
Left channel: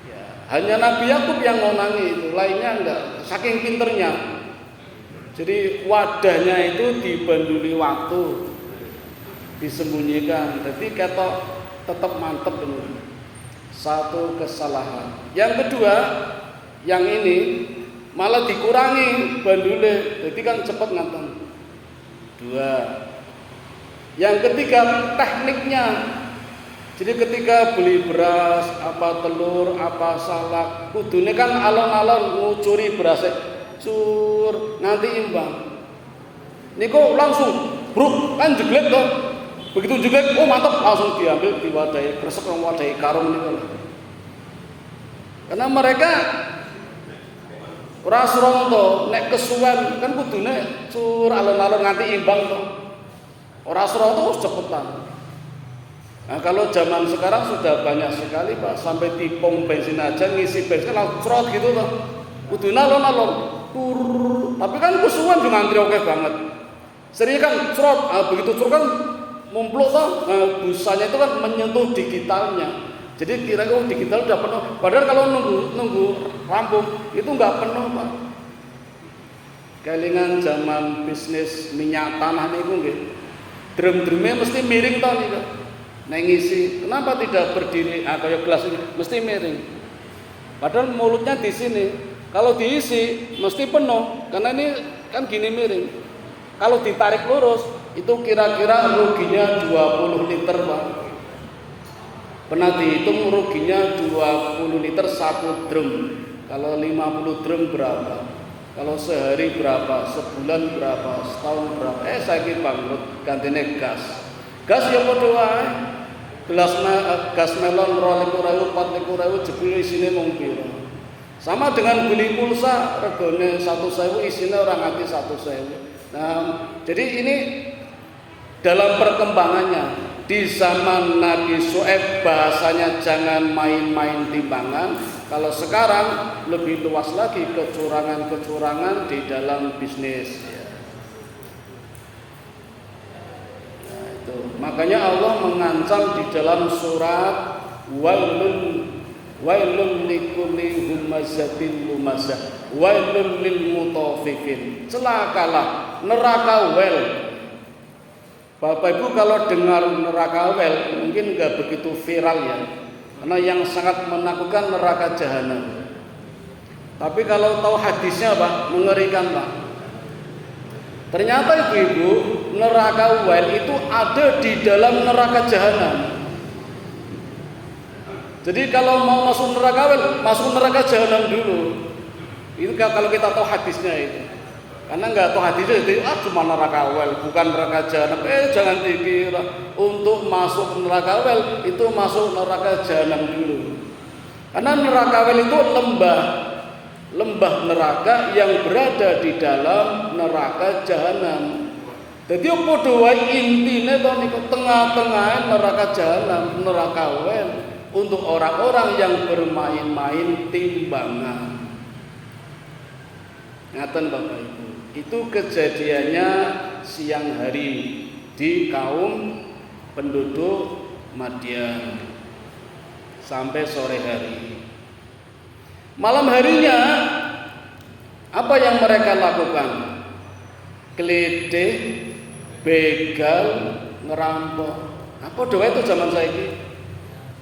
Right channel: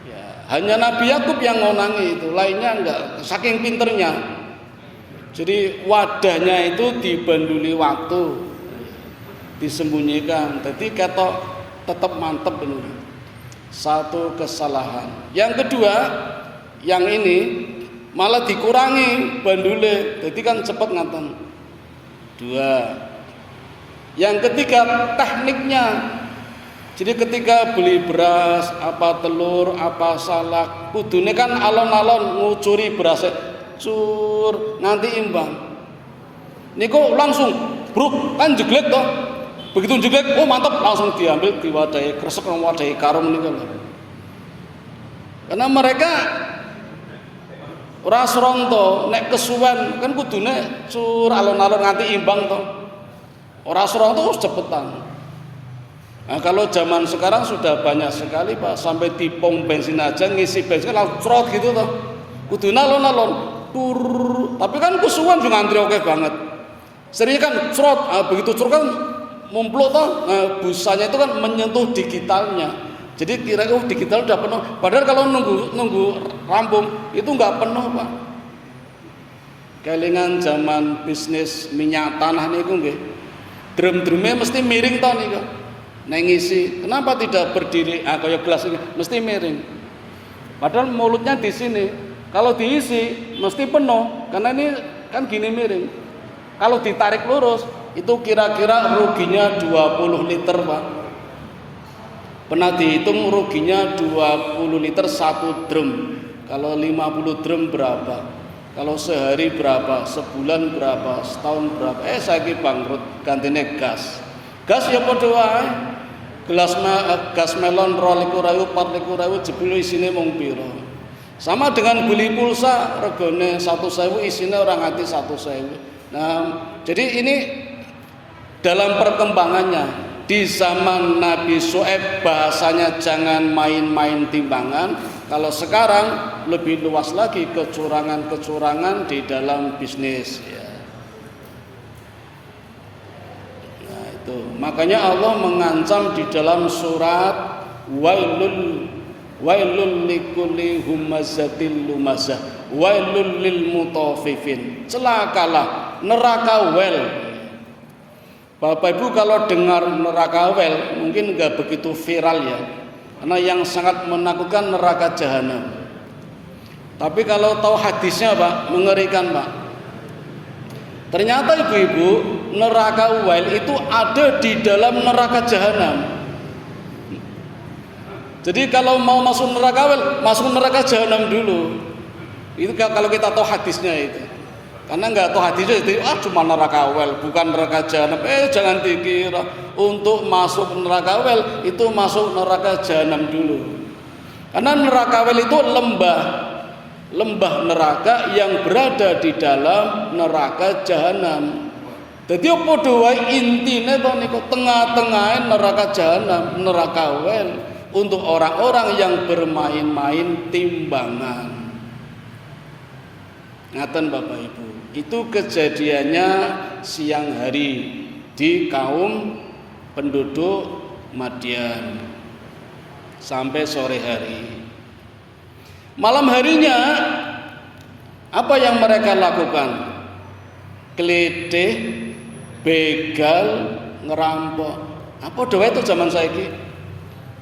Ya, hanya Nabi Yakub yang ngonangi itu, lainnya enggak, saking pinternya. Jadi wadahnya itu dibanduli waktu, disembunyikan, jadi ketok tetap mantep ini. Satu kesalahan. Yang kedua, yang ini malah dikurangi bandule, jadi kan cepet ngaten. Dua. Yang ketiga tekniknya. Jadi ketika beli beras, apa telur, apa salak, kudune kan alon-alon ngucuri beras, cur nanti imbang. Niku langsung bruk kan jeglek toh. Begitu jeglek, oh mantap, langsung diambil diwadahi kresek diwadahi karung niku. Karena mereka ora sronto nek kesuwen kan kudune cur alon-alon nganti imbang to. Ora sronto wis cepetan. Nah, kalau zaman sekarang sudah banyak sekali Pak, sampai di pom bensin aja ngisi bensin langsung crot gitu to. Kudune alon-alon tur, tapi kan kesuwen juga ngantri oke banget. Sering kan crot, begitu crot kan mumpluk toh. Nah, busanya itu kan menyentuh digitalnya. Jadi kira-kira digital udah penuh. Padahal kalau nunggu rampung itu nggak penuh Pak. Kelingan zaman bisnis minyak tanah niku nggih. Drum-drumnya mesti miring toh niku. Nek ngisi, kenapa tidak berdiri? Kayak gelas ini mesti miring. Padahal mulutnya di sini. Kalau diisi mesti penuh karena ini kan gini miring. Kalau ditarik lurus itu kira-kira ruginya 20 liter Pak. Pernah dihitung ruginya 20 liter satu drum. Kalau 50 drum berapa? Kalau sehari berapa? Sebulan berapa? Setahun berapa? Saiki bangkrut gantine gas. Gas ya padha wae. Gas melon 22.000, 24.000 jebul isine mung pira. Sama dengan beli pulsa regane 1.000 isine ora nganti 1.000. Nah, jadi ini dalam perkembangannya. Di zaman Nabi Syuaib bahasanya jangan main-main timbangan. Kalau sekarang lebih luas lagi kecurangan-kecurangan di dalam bisnis. Ya. Nah, itu. Makanya Allah mengancam di dalam surat wailul likulli humazatil lumazah wailul lil mutaffifin. Celakalah neraka wel. Bapak Ibu kalau dengar neraka wel mungkin nggak begitu viral ya. Karena yang sangat menakutkan neraka jahanam. Tapi kalau tahu hadisnya Pak, mengerikan Pak. Ternyata ibu-ibu, neraka Uwail itu ada di dalam neraka jahanam. Jadi kalau mau masuk neraka Uwail, masuk neraka jahanam dulu. Itu kalau kita tahu hadisnya itu. Karena nggak tahu hadisnya itu, cuma neraka Uwail, bukan neraka jahanam. Jangan dikira untuk masuk neraka Uwail itu masuk neraka jahanam dulu. Karena neraka Uwail itu lembah neraka yang berada di dalam neraka jahanam. Jadi apa doa intine to niku tengah-tengah neraka jahanam, neraka Uwail untuk orang-orang yang bermain-main timbangan. Ngaten Bapak Ibu. Itu kejadiannya siang hari di kaum penduduk Madian sampai sore hari. Malam harinya apa yang mereka lakukan? Keledeh, begal, ngerampok. Apa doa itu zaman saiki?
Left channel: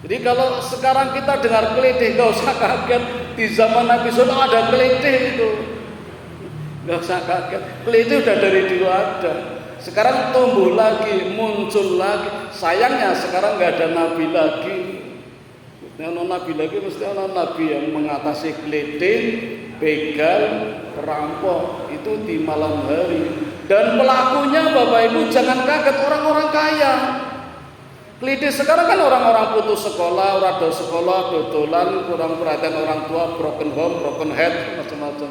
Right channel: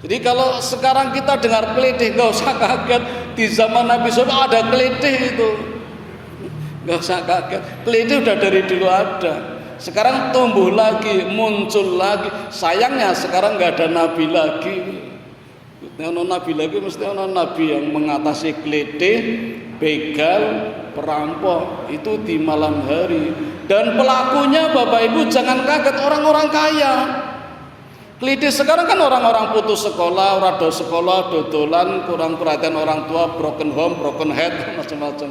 Jadi kalau sekarang kita dengar keledeh, gak usah kaget. Di zaman Nabi SAW ada keledeh itu. Gak usah kaget. Keledeh udah dari dulu ada. Sekarang tumbuh lagi, muncul lagi. Sayangnya sekarang gak ada Nabi lagi. Nabi lagi mesti ada Nabi yang mengatasi keledai, begal, perampok itu di malam hari. Dan pelakunya Bapak Ibu jangan kaget, orang-orang kaya. Keledai sekarang kan orang-orang putus sekolah, rada sekolah, dodolan, kurang perhatian orang tua, broken home, broken head, macam-macam.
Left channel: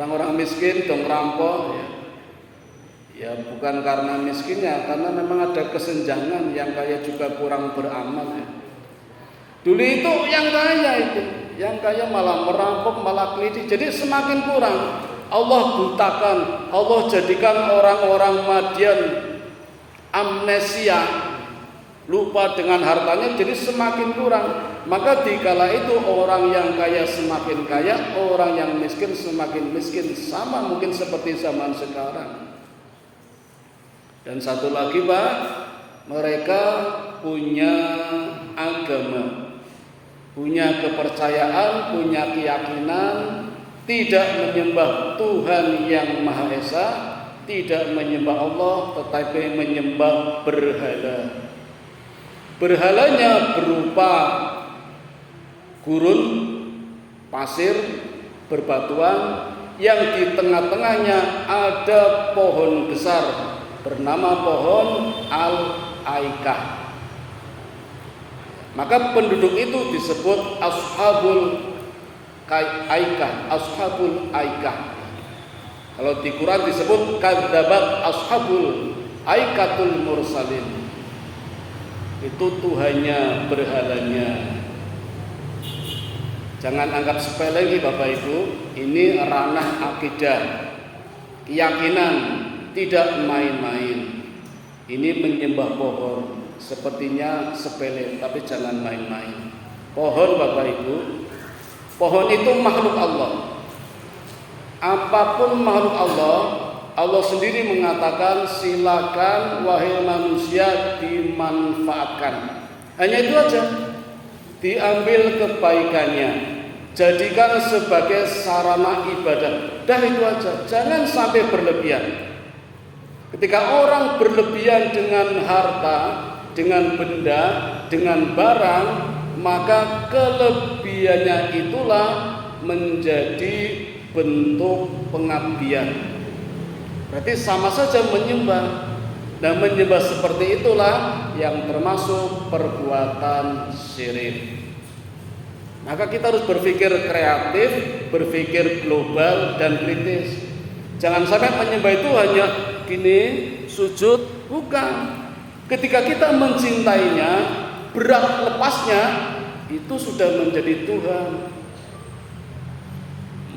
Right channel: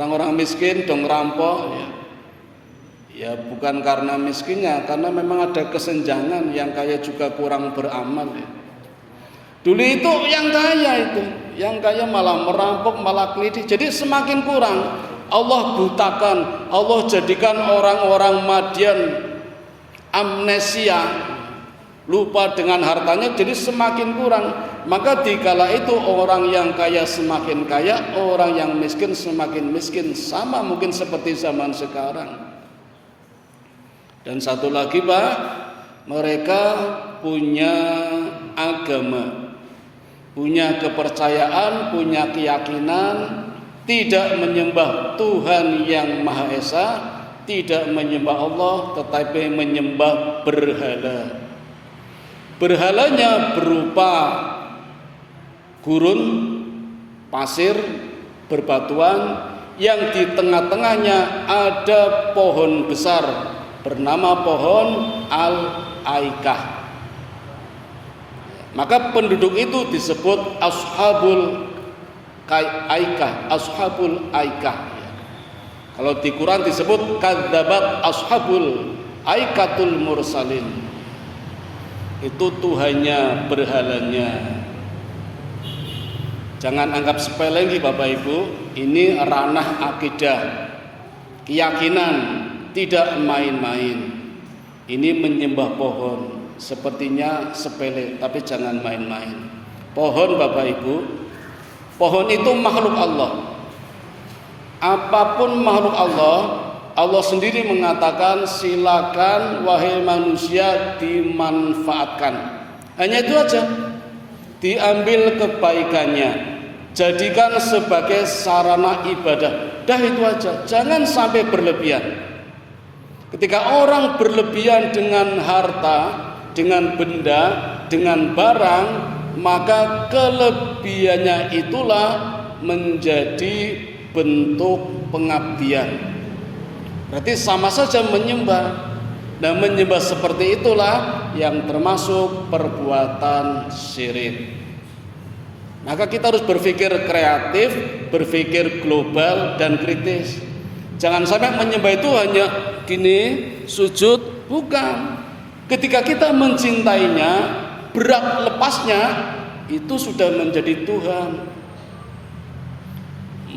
Orang-orang miskin dong rampok. Ya bukan karena miskinnya, karena memang ada kesenjangan, yang kaya juga kurang beramal ya. Dulu itu yang kaya malah merampok, malah keliti. Jadi semakin kurang. Allah butakan, Allah jadikan orang-orang Madian amnesia, lupa dengan hartanya, jadi semakin kurang. Maka dikala itu orang yang kaya semakin kaya, orang yang miskin semakin miskin. Sama mungkin seperti zaman sekarang. Dan satu lagi Pak, mereka punya agama, punya kepercayaan, punya keyakinan, tidak menyembah Tuhan yang Maha Esa, tidak menyembah Allah, tetapi menyembah berhala. Berhalanya berupa gurun, pasir, berbatuan, yang di tengah-tengahnya ada pohon besar bernama pohon Al-Aikah. Maka penduduk itu disebut Ashabul Aikah, Ashabul Aikah. Kalau di Quran disebut kadzabat Ashabul Aikatul Mursalin. Itu Tuhannya, berhalanya. Jangan anggap sepele lagi Bapak Ibu, ini ranah akidah, keyakinan, tidak main-main. Ini menyembah pohon, sepertinya sepele, tapi jangan main-main. Pohon Bapak Ibu, pohon itu makhluk Allah. Apapun makhluk Allah, Allah sendiri mengatakan silakan wahai manusia dimanfaatkan. Hanya itu aja. Diambil kebaikannya, jadikan sebagai sarana ibadah. Dah itu aja. Jangan sampai berlebihan. Ketika orang berlebihan dengan harta, dengan benda, dengan barang, maka kelebihannya itulah menjadi bentuk pengabdian. Berarti sama saja menyembah. Dan menyembah seperti itulah yang termasuk perbuatan syirik. Maka kita harus berpikir kreatif, berpikir global dan kritis. Jangan sampai menyembah itu hanya gini, sujud, bukan. Ketika kita mencintainya, berat lepasnya itu sudah menjadi Tuhan.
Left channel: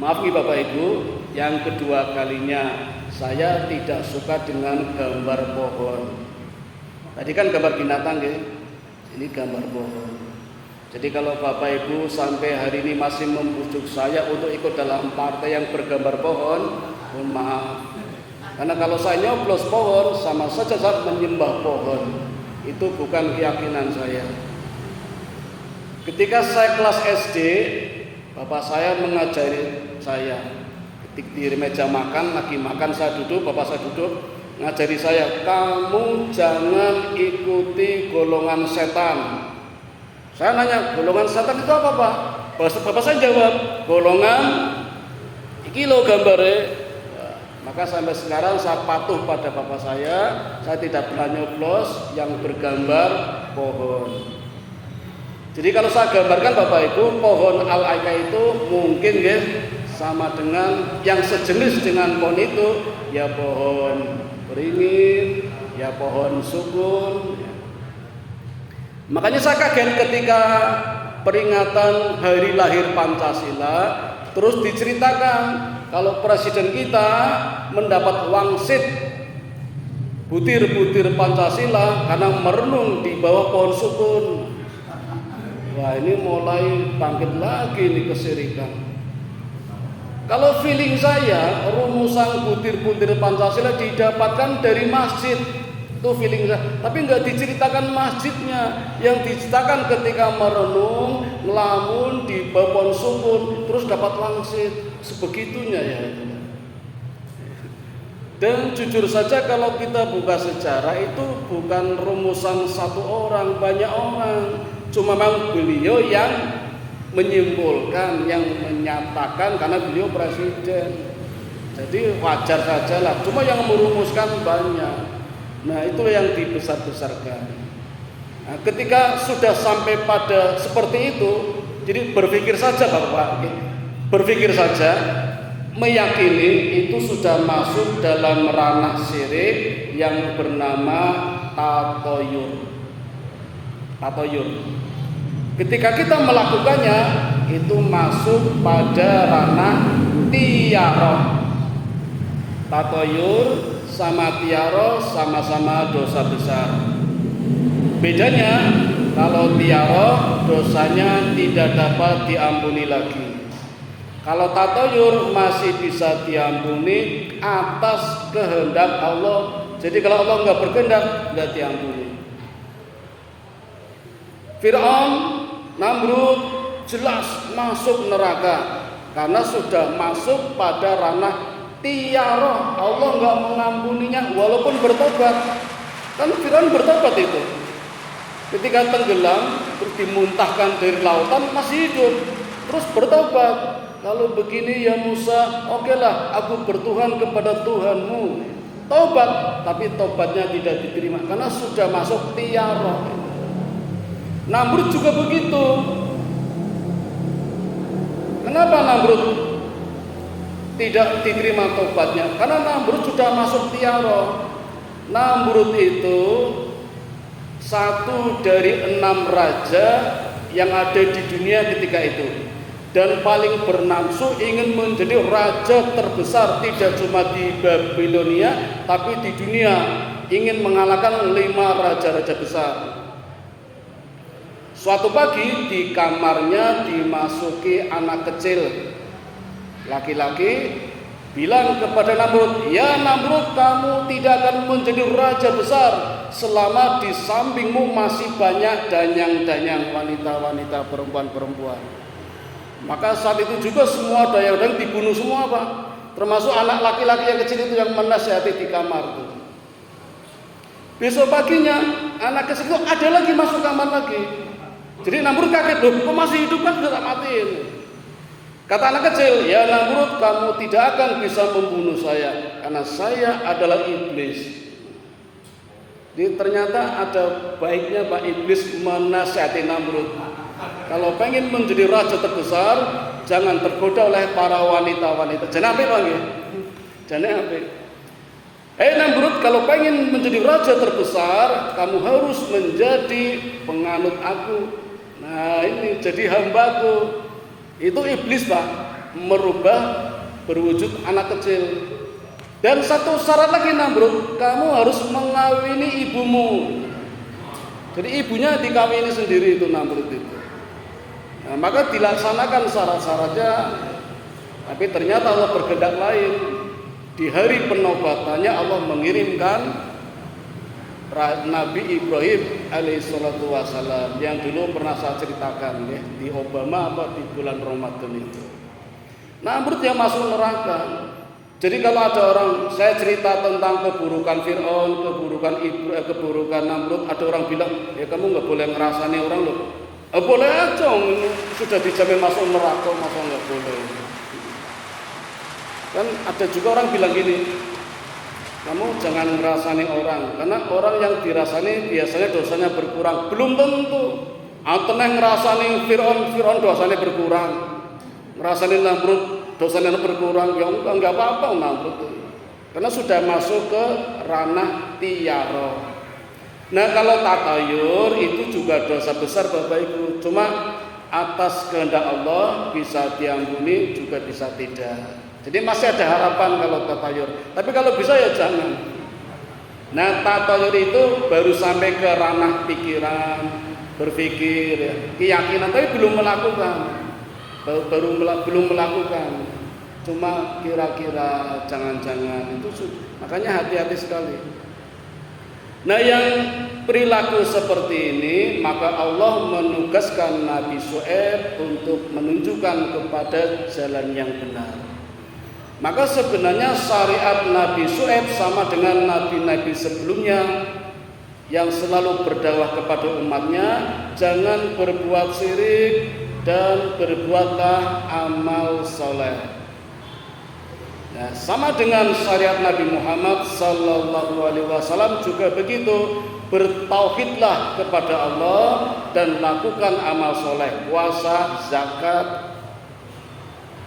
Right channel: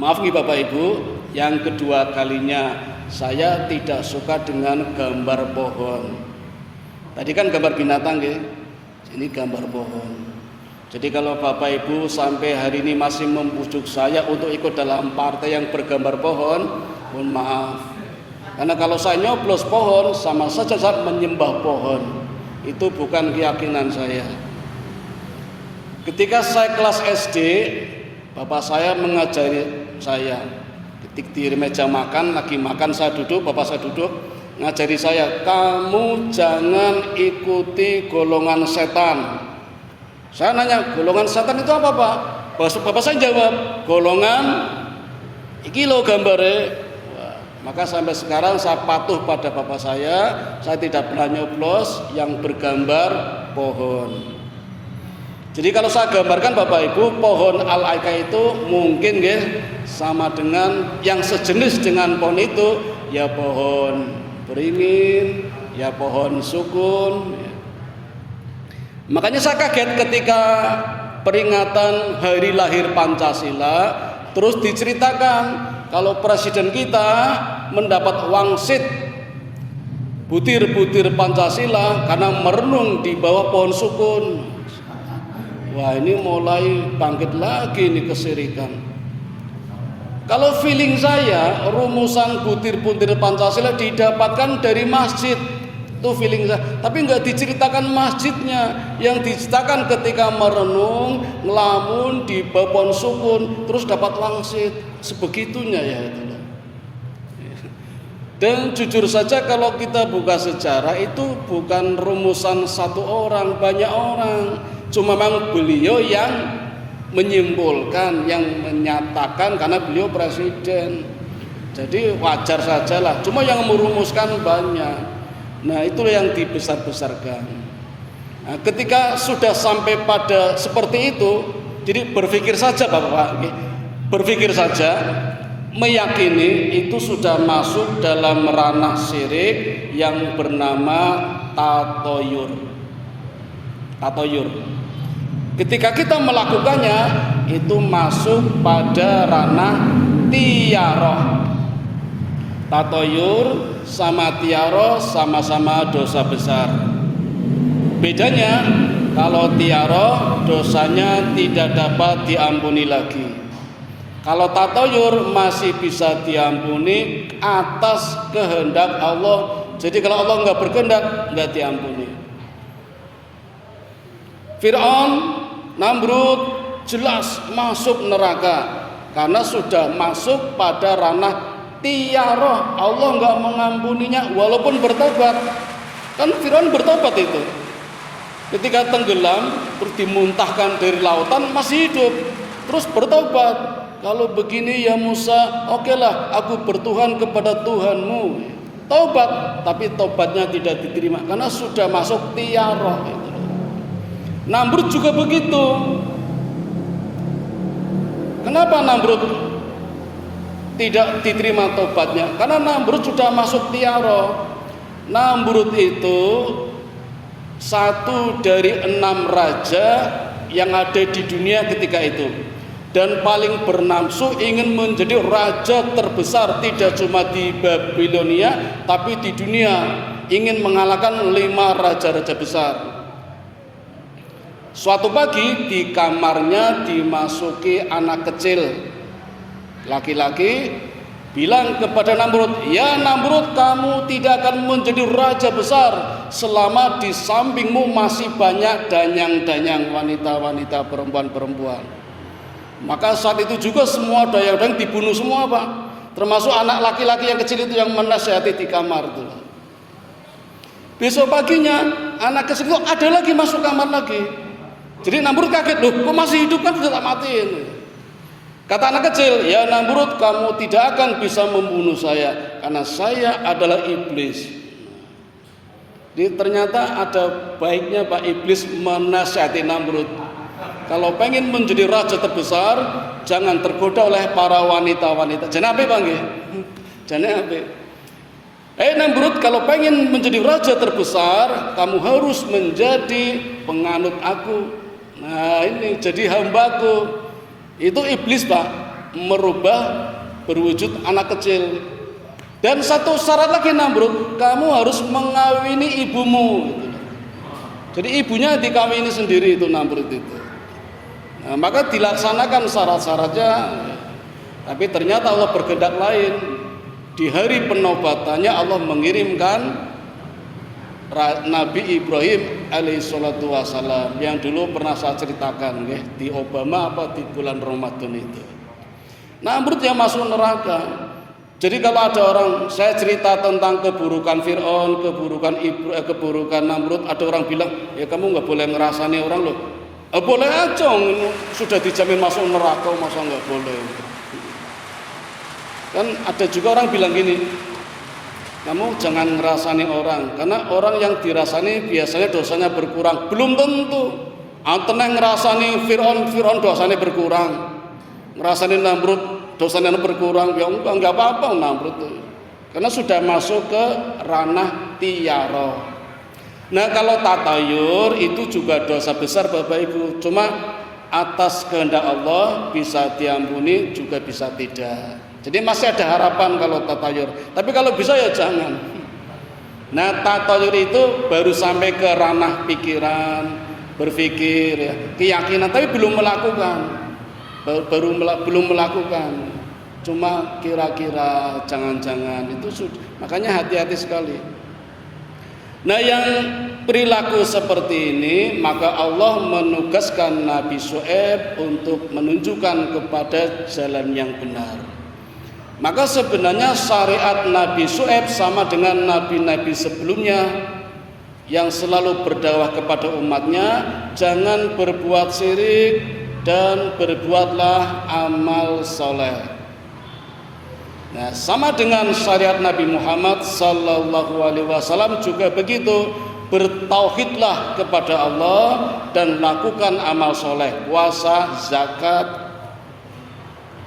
Maaf nih Bapak Ibu, yang kedua kalinya saya tidak suka dengan gambar pohon. Tadi kan gambar binatang ya, ini gambar pohon. Jadi kalau Bapak Ibu sampai hari ini masih membujuk saya untuk ikut dalam partai yang bergambar pohon, mohon maaf. Karena kalau saya nyoblos pohon sama saja saya menyembah pohon. Itu bukan keyakinan saya. Ketika saya kelas SD, bapak saya mengajari saya. Ketika di meja makan, lagi makan saya duduk, bapak saya duduk, ngajari saya, kamu jangan ikuti golongan setan. Saya nanya, golongan setan itu apa Pak? Bapak saya jawab, golongan iki lo gambare. Maka sampai sekarang saya patuh pada bapak saya tidak pernah nyoblos yang bergambar pohon. Jadi kalau saya gambarkan Bapak Ibu, pohon al-aika itu mungkin ya sama dengan yang sejenis dengan pohon itu, ya pohon beringin, ya pohon sukun. Makanya saya kaget ketika peringatan hari lahir Pancasila terus diceritakan kalau presiden kita mendapat wangsit butir-butir Pancasila karena merenung di bawah pohon sukun. Wah, ini mulai bangkit lagi nih kesirikan. Kalau feeling saya, rumusan butir-butir Pancasila didapatkan dari masjid. Itu feeling saya. Tapi nggak diceritakan masjidnya. Yang diceritakan ketika merenung, ngelamun di bawah pohon sukun, terus dapat wangsit. Sebegitunya ya itu. Dan jujur saja kalau kita buka sejarah itu bukan rumusan satu orang, banyak orang. Cuma memang beliau yang menyimpulkan, yang menyatakan karena beliau presiden. Jadi wajar saja lah. Cuma yang merumuskan banyak. Nah itu yang dibesar-besarkan. Nah, ketika sudah sampai pada seperti itu, jadi berpikir saja Bapak, berpikir saja, meyakini itu sudah masuk dalam ranah syirik yang bernama tatoyur. Ketika kita melakukannya itu masuk pada ranah tiaroh. Tatoyur sama tiaroh sama-sama dosa besar. Bedanya kalau tiaroh dosanya tidak dapat diampuni lagi. Kalau tatoyur masih bisa diampuni atas kehendak Allah. Jadi kalau Allah nggak berkehendak nggak diampuni. Fir'aun, Namrud jelas masuk neraka karena sudah masuk pada ranah tiaroh. Allah nggak mengampuninya walaupun bertobat. Kan Fir'aun bertobat itu. Ketika tenggelam terus dimuntahkan dari lautan masih hidup. Terus bertobat. Kalau begini ya Musa, okelah aku bertuhan kepada Tuhanmu. Tobat, tapi tobatnya tidak diterima karena sudah masuk tiaroh. Namrud juga begitu. Kenapa Namrud tidak diterima tobatnya? Karena Namrud sudah masuk tiaroh. Namrud itu satu dari 6 raja yang ada di dunia ketika itu, dan paling bernafsu ingin menjadi raja terbesar tidak cuma di Babilonia tapi di dunia, ingin mengalahkan 5 raja-raja besar. Suatu pagi di kamarnya dimasuki anak kecil laki-laki, bilang kepada Namrud, ya Namrud, kamu tidak akan menjadi raja besar selama di sampingmu masih banyak danyang-danyang wanita-wanita, perempuan-perempuan. Maka saat itu juga semua dayang-dayang dibunuh semua Pak, termasuk anak laki-laki yang kecil itu yang menasihati di kamar itu. Besok paginya anak kecil itu ada lagi masuk kamar lagi. Jadi Namrud kaget, loh kok masih hidup, kan sudah tak matiin. Kata anak kecil, ya Namrud, kamu tidak akan bisa membunuh saya karena saya adalah iblis. Jadi ternyata ada baiknya Pak Iblis menasihati Namrud. Kalau pengen menjadi raja terbesar, jangan tergoda oleh para wanita-wanita. Jangan apa Pak? Jangan apa. Namrud, kalau pengen menjadi raja terbesar, kamu harus menjadi penganut aku. Nah ini jadi hambaku. Itu iblis Pak, merubah berwujud anak kecil. Dan satu syarat lagi Namrud, kamu harus mengawini ibumu. Jadi ibunya dikawini sendiri itu Namrud itu. Nah, maka dilaksanakan syarat-syaratnya. Tapi ternyata Allah berkehendak lain. Di hari penobatannya Allah mengirimkan Nabi Ibrahim alaihissalatu wassalam yang dulu pernah saya ceritakan ya, di Obama di bulan Ramadan itu. Namrud yang masuk neraka. Jadi kalau ada orang, saya cerita tentang keburukan Fir'aun, keburukan Namrud, ada orang bilang, ya kamu nggak boleh ngerasani orang loh. Boleh aja, sudah dijamin masuk neraka, masa nggak boleh. Kan ada juga orang bilang gini, kamu jangan ngerasani orang, karena orang yang dirasani biasanya dosanya berkurang. Belum tentu. Anteneh ngerasani Fir'aun dosanya berkurang. Ngerasani Namrud dosanya berkurang, ya enggak apa-apa Namrud. Karena sudah masuk ke ranah tiara. Nah kalau tatayur itu juga dosa besar Bapak Ibu. Cuma atas kehendak Allah bisa diampuni juga bisa tidak. Jadi masih ada harapan kalau tatayur. Tapi kalau bisa ya jangan. Nah tatayur itu baru sampai ke ranah pikiran, berpikir, ya, keyakinan, tapi belum melakukan. Belum melakukan. Cuma kira-kira, jangan-jangan itu sudah. Makanya hati-hati sekali. Nah yang perilaku seperti ini, maka Allah menugaskan Nabi Syuaib untuk menunjukkan kepada jalan yang benar. Maka sebenarnya syariat Nabi Syuaib sama dengan nabi-nabi sebelumnya yang selalu berdakwah kepada umatnya, jangan berbuat syirik dan berbuatlah amal soleh. Nah, sama dengan syariat Nabi Muhammad sallallahu alaihi wasallam juga begitu, bertauhidlah kepada Allah dan lakukan amal soleh, puasa, zakat,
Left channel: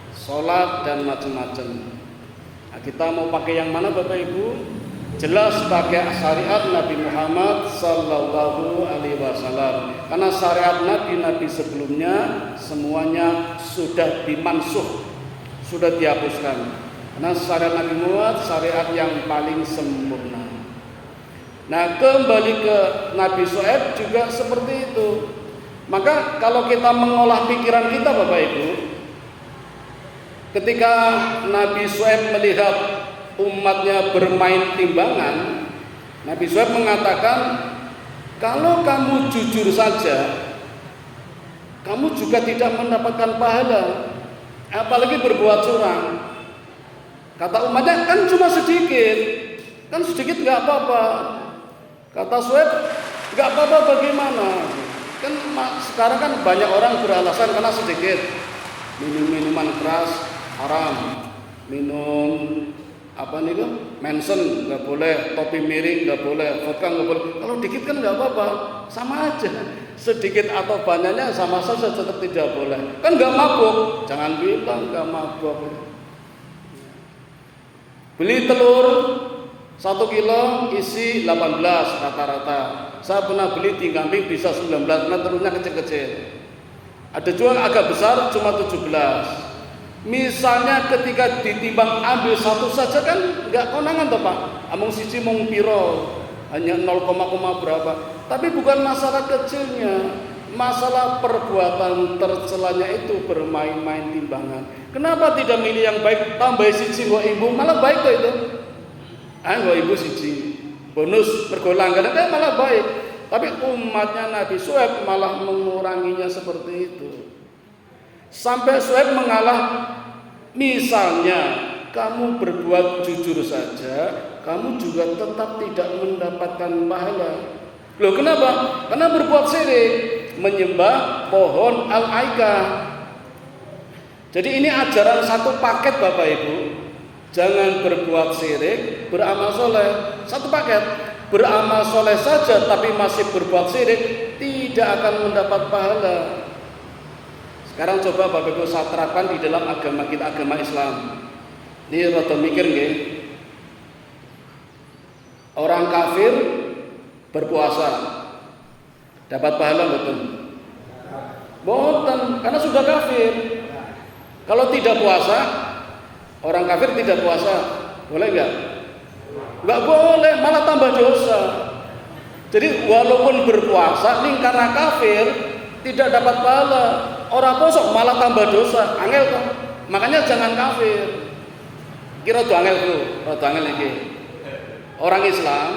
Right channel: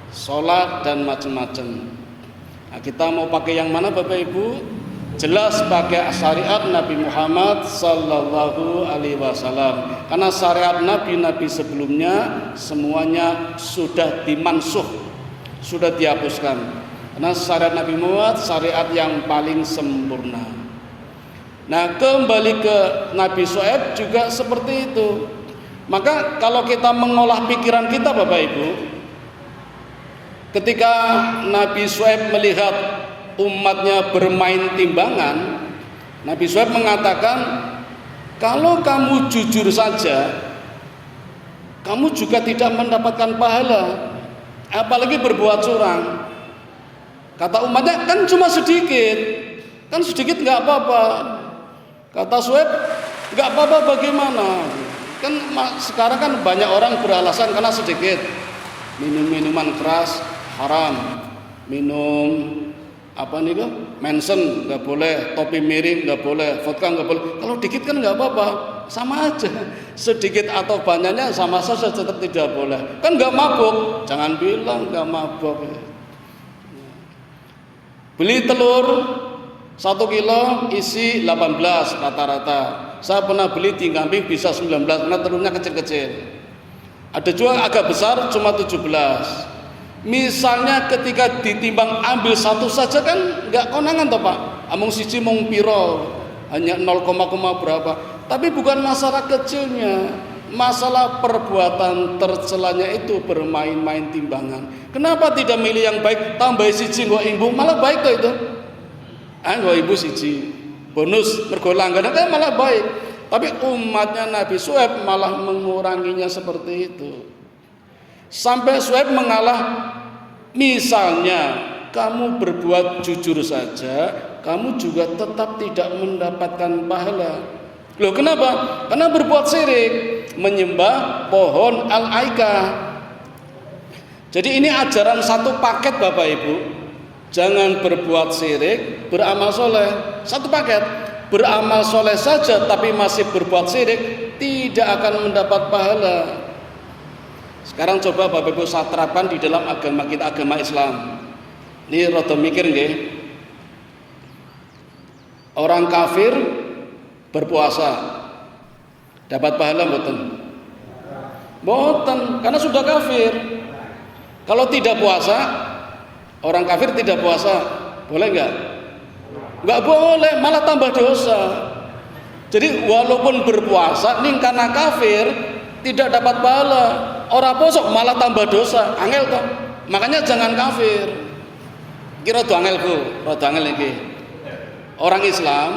sholat dan macam-macam. Nah, kita mau pakai yang mana Bapak Ibu? Jelas pakai syariat Nabi Muhammad sallallahu alaihi wasallam. Karena syariat nabi-nabi sebelumnya semuanya sudah dimansuh, sudah dihapuskan. Nah syariat Nabi Muhammad syariat yang paling sempurna. Nah kembali ke Nabi Syuaib juga seperti itu. Maka kalau kita mengolah pikiran kita Bapak Ibu, ketika Nabi Syuaib melihat umatnya bermain timbangan, Nabi Syuaib mengatakan, kalau kamu jujur saja, kamu juga tidak mendapatkan pahala, apalagi berbuat curang. Kata umatnya, kan cuma sedikit, kan sedikit nggak apa-apa. Kata Syuaib, nggak apa-apa bagaimana? Kan sekarang kan banyak orang beralasan karena sedikit. Minum minuman keras haram, minum Manson nggak boleh, topi miring nggak boleh, vodka nggak boleh. Kalau dikit kan nggak apa-apa, sama aja. Sedikit atau banyaknya sama saja tetap tidak boleh. Kan nggak mabuk, jangan bilang nggak mabuk. Beli telur 1 kilo isi 18 rata-rata. Saya pernah beli di kambing bisa 19 karena telurnya kecil-kecil. Ada juga agak besar cuma 17. Misalnya ketika ditimbang ambil satu saja kan nggak konangan toh Pak. Amung siji mung piro, hanya 0, berapa. Tapi bukan masalah kecilnya. Masalah perbuatan tercelanya itu bermain-main timbangan. Kenapa tidak milih yang baik, tambah siji nggo ibu, malah baik kok itu. Nggo ibu siji. Bonus mergo langganan kan malah baik. Tapi umatnya Nabi Syuaib malah menguranginya seperti itu. Sampai Syuaib mengalah, misalnya kamu berbuat jujur saja, kamu juga tetap tidak mendapatkan pahala. Loh kenapa? Karena berbuat syirik, menyembah pohon al-aikah. Jadi ini ajaran satu paket Bapak Ibu. Jangan berbuat syirik, beramal soleh. Satu paket. Beramal soleh saja tapi masih berbuat syirik, tidak akan mendapat pahala. Sekarang coba Bapak Ibu saya terapkan di dalam agama kita, agama Islam. Ini rada mikir nggih. Orang kafir berpuasa dapat pahala mboten? Mboten, karena sudah kafir. Kalau tidak puasa, orang kafir tidak puasa, boleh enggak? Enggak boleh, malah tambah dosa. Jadi walaupun berpuasa nih karena kafir tidak dapat pahala. Orang puasa malah tambah dosa, angel kan? Makanya jangan kafir. Kira tuh angel Bu, rada angel iki. Orang Islam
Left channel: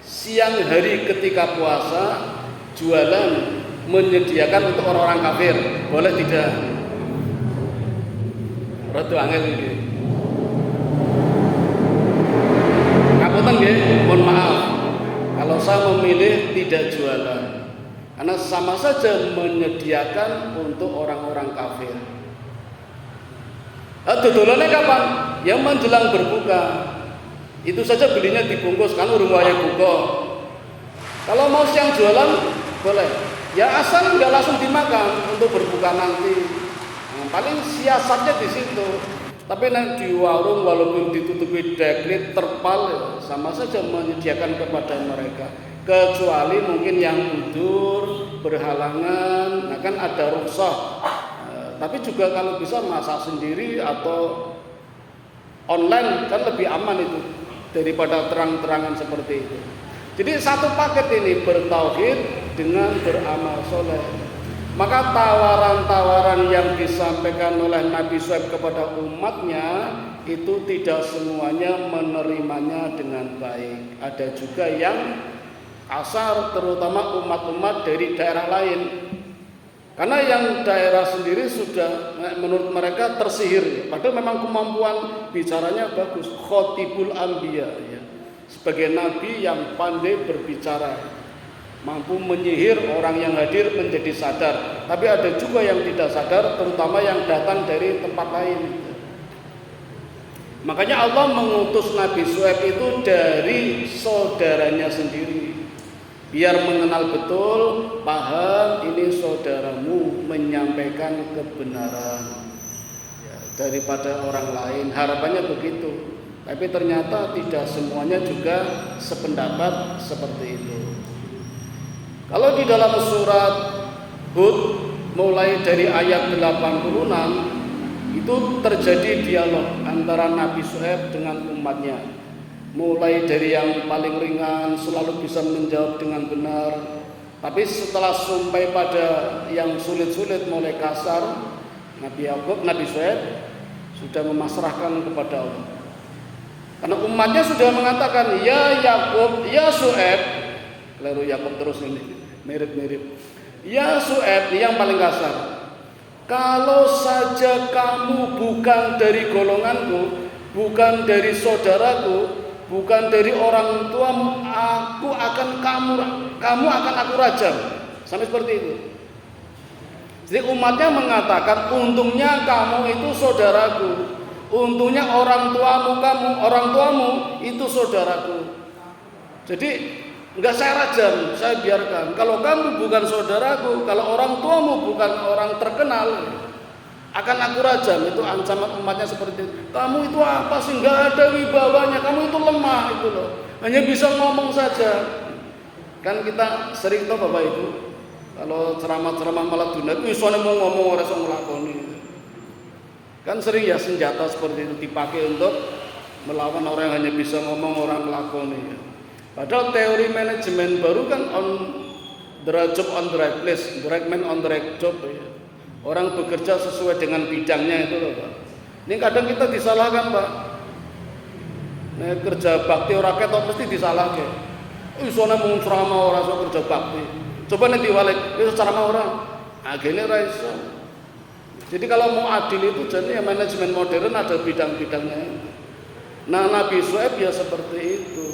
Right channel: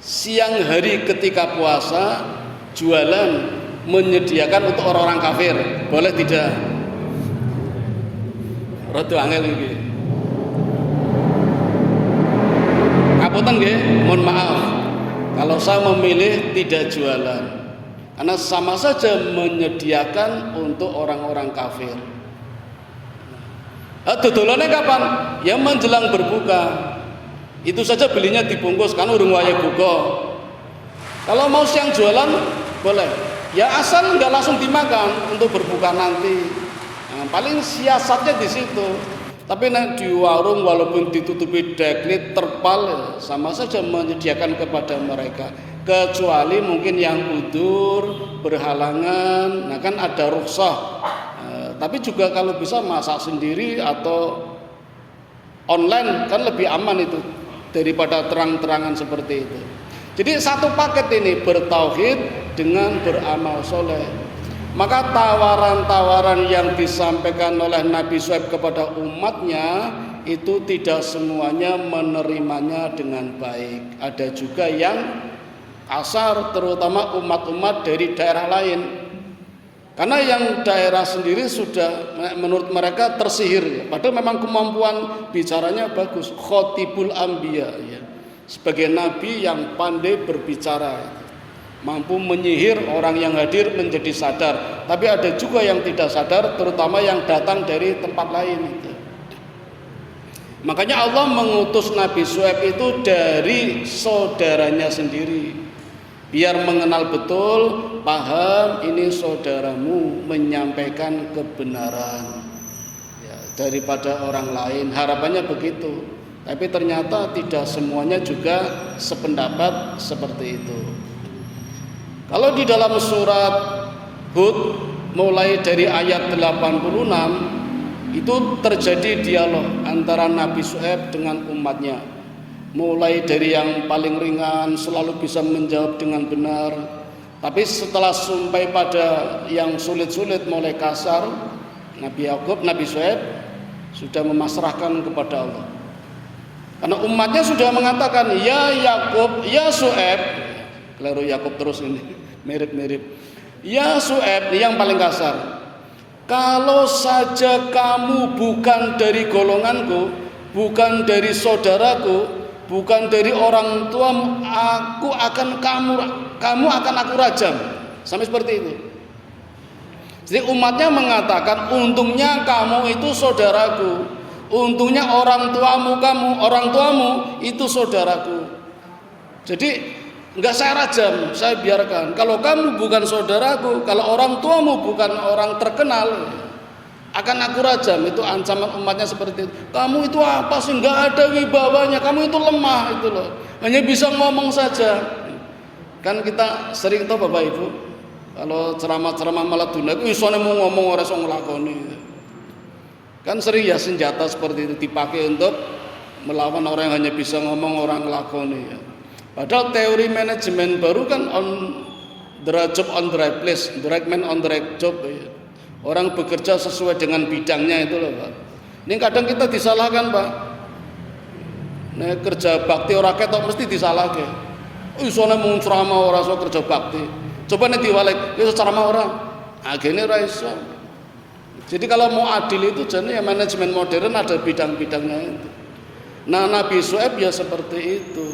siang hari ketika puasa jualan menyediakan untuk orang-orang kafir, boleh tidak? Rada angel iki. Kapunten nggih, mohon maaf. Kalau saya memilih tidak jualan, karena sama saja menyediakan untuk orang-orang kafir. Dodolannya kapan? Ya menjelang berbuka. Itu saja belinya dibungkus kan urung wayah buka. Kalau mau siang jualan boleh. Ya asal nggak langsung dimakan untuk berbuka nanti. Nah, paling siasatnya di situ. Tapi nanti di warung walaupun ditutupi deklit terpal sama saja menyediakan kepada mereka. Kecuali mungkin yang udur, berhalangan, nah kan ada rukhsah. Tapi juga kalau bisa masak sendiri atau online kan lebih aman itu daripada terang-terangan seperti itu. Jadi satu paket ini bertauhid dengan beramal soleh. Maka tawaran-tawaran yang disampaikan oleh Nabi Syuaib kepada umatnya itu tidak semuanya menerimanya dengan baik. Ada juga yang kasar, terutama umat-umat dari daerah lain. Karena yang daerah sendiri sudah menurut mereka tersihir. Padahal memang kemampuan bicaranya bagus. Khotibul Anbiya, ya. Sebagai nabi yang pandai berbicara, mampu menyihir orang yang hadir menjadi sadar. Tapi ada juga yang tidak sadar, terutama yang datang dari tempat lain. Makanya Allah mengutus Nabi Syuaib itu dari saudaranya sendiri, biar mengenal betul, paham ini saudaramu menyampaikan kebenaran ya, daripada orang lain. Harapannya begitu. Tapi ternyata tidak semuanya juga sependapat seperti itu. Kalau di dalam surat Hud mulai dari ayat 86 itu terjadi dialog antara Nabi Syuaib dengan umatnya. Mulai dari yang paling ringan selalu bisa menjawab dengan benar. Tapi setelah sampai pada yang sulit-sulit mulai kasar, Nabi Yakub, Nabi Syuaib sudah memasrahkan kepada Allah. Karena umatnya sudah mengatakan, ya Yakub, ya Syuaib, lalu Yakub terus ini mirip-mirip. Ya Syuaib, ini yang paling kasar. Kalau saja kamu bukan dari golonganku, bukan dari saudaraku, bukan dari orang tuamu, kamu akan aku rajam. Sampai seperti itu. Jadi umatnya mengatakan, untungnya kamu itu saudaraku, untungnya orang tuamu itu saudaraku. Jadi enggak saya rajam, saya biarkan. Kalau kamu bukan saudaraku, kalau orang tuamu bukan orang terkenal, akan aku rajam. Itu ancaman umatnya seperti itu. Kamu itu apa sih? Enggak ada wibawanya. Kamu itu lemah itu loh. Hanya bisa ngomong saja. Kan kita sering tahu Bapak Ibu, kalau ceramah-ceramah malah dunia, isone mau ngomong ora iso nglakoni. Kan sering ya senjata seperti itu dipakai untuk melawan orang yang hanya bisa ngomong, orang nglakoni. Padahal teori manajemen baru kan on the right job on the right place, the right man on the right job. Ya. Orang bekerja sesuai dengan bidangnya itu loh Pak. Ini kadang kita disalahkan Pak. Nah, kerja bakti ora ketok mesti disalahke. Isone mung ceramah ora iso kerja bakti. Coba nek diwalik, iso ceramah ora. Agene ora iso. Jadi kalau mau adil itu jenis ya manajemen modern ada bidang-bidangnya itu. Nah Nabi Syuaib ya seperti itu.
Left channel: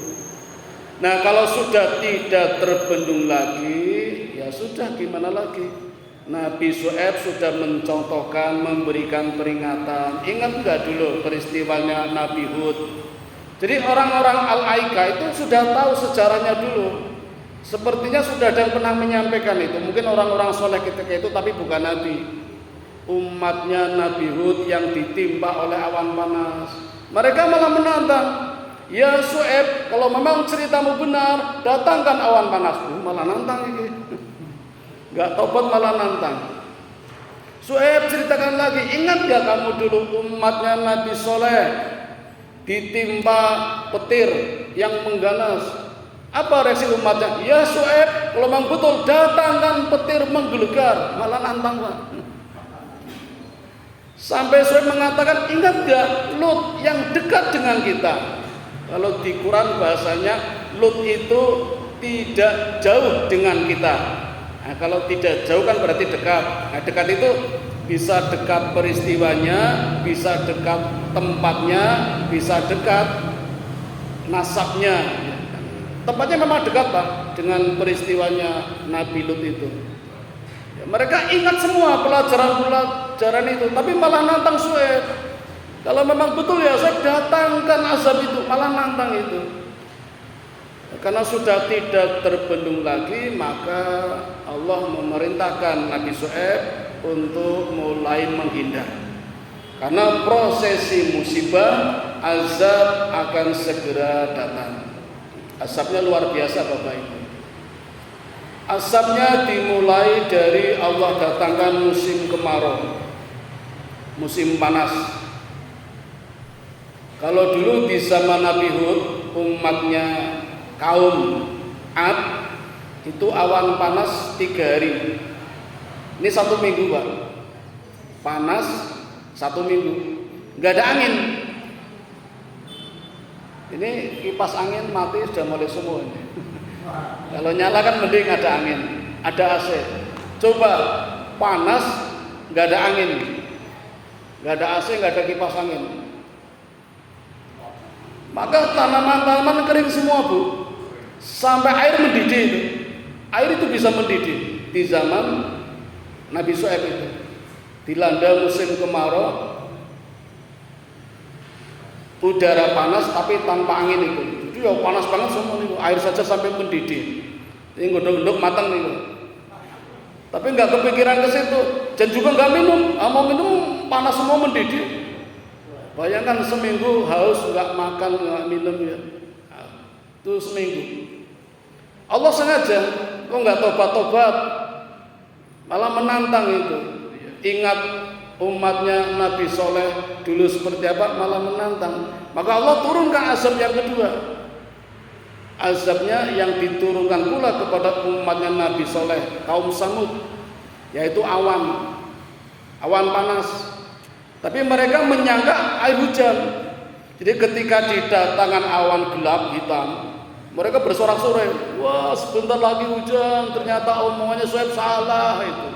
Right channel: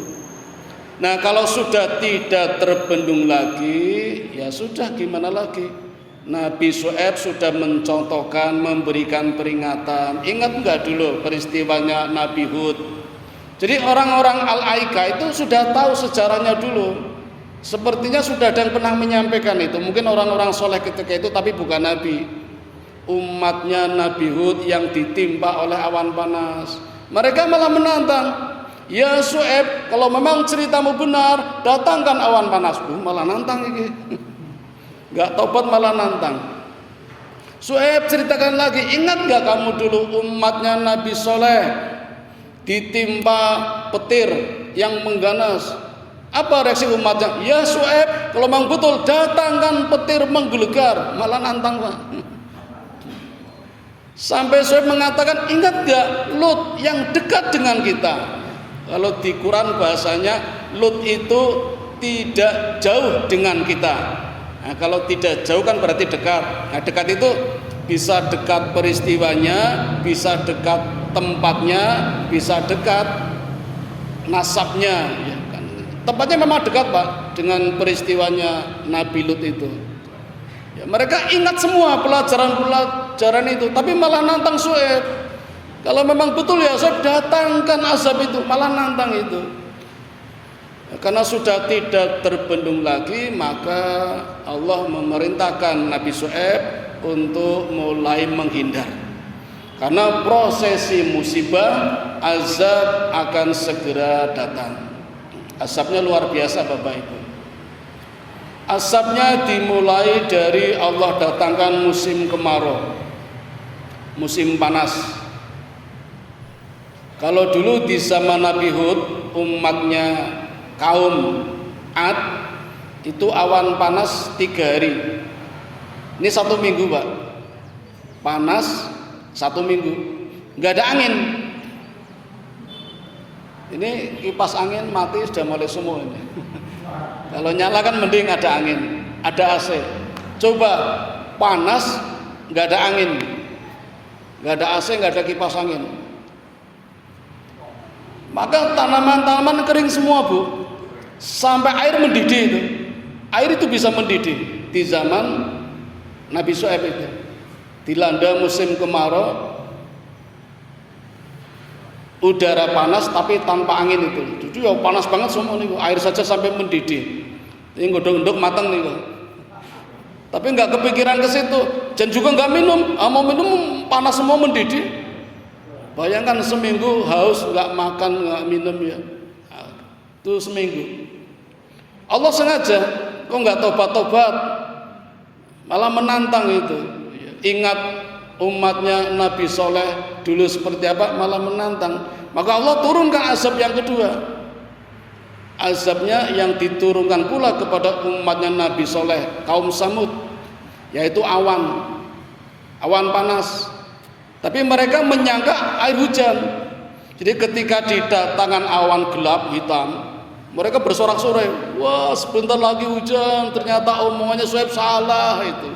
Nah kalau sudah tidak terbendung lagi, ya sudah gimana lagi. Nabi Syuaib sudah mencontohkan, memberikan peringatan. Ingat enggak dulu peristiwanya Nabi Hud? Jadi orang-orang Al-Aika itu sudah tahu sejarahnya dulu. Sepertinya sudah ada yang pernah menyampaikan itu. Mungkin orang-orang soleh ketika itu tapi bukan Nabi. Umatnya Nabi Hud yang ditimpa oleh awan panas. Mereka malah menantang. Ya Syuaib, kalau memang ceritamu benar, datangkan awan panas. Malah nantang ini. Gak tobat malah nantang. Syuaib ceritakan lagi. Ingat gak kamu dulu umatnya Nabi Soleh ditimpa petir yang mengganas? Apa reaksi umatnya? Ya Syuaib, kalau memang betul datangkan petir menggelegar. Malah nantang Pak. Sampai Syuaib mengatakan, ingat gak Lut yang dekat dengan kita? Kalau di Quran bahasanya Lut itu tidak jauh dengan kita. Nah, kalau tidak jauh kan berarti dekat. Nah, dekat itu bisa dekat peristiwanya, bisa dekat tempatnya, bisa dekat nasabnya. Tempatnya memang dekat Pak dengan peristiwanya Nabi Lut itu. Ya, mereka ingat semua pelajaran itu, tapi malah nantang Syuaib. Kalau memang betul ya saya datangkan azab itu, malah nantang itu. Karena sudah tidak terbendung lagi, maka Allah memerintahkan Nabi Syuaib untuk mulai menghindar. Karena prosesi musibah, azab akan segera datang. Azabnya luar biasa Bapak Ibu. Azabnya dimulai dari Allah datangkan musim kemarau, musim panas. Kalau dulu di zaman Nabi Hud, umatnya kaum Ad itu awan panas 3 hari. Ini 1 minggu Pak, panas 1 minggu, nggak ada angin. Ini kipas angin mati sudah mulai semua ini. Kalau nyala kan mending ada angin, ada AC. Coba panas nggak ada angin, nggak ada AC, nggak ada kipas angin, maka tanaman-tanaman kering semua Bu. Sampai air mendidih itu. Air itu bisa mendidih di zaman Nabi Syuaib itu. Dilanda musim kemarau, udara panas tapi tanpa angin itu. Jadi ya panas banget semua nih, air saja sampai mendidih. Ini gondok-gondok matang nih. Tapi nggak kepikiran ke situ. Dan juga nggak minum, mau minum panas semua mendidih. Bayangkan seminggu haus, nggak makan, nggak minum ya. Itu seminggu. Allah sengaja, kok nggak tobat-tobat, malah menantang itu. Ingat umatnya Nabi Soleh dulu seperti apa, malah menantang. Maka Allah turunkan azab yang kedua. Azabnya yang diturunkan pula kepada umatnya Nabi Soleh, kaum Samud, yaitu awan panas. Tapi mereka menyangka air hujan. Jadi ketika didatangkan awan gelap hitam, mereka bersorak-sorai, wah sebentar lagi hujan, ternyata omongannya Syuaib salah itu.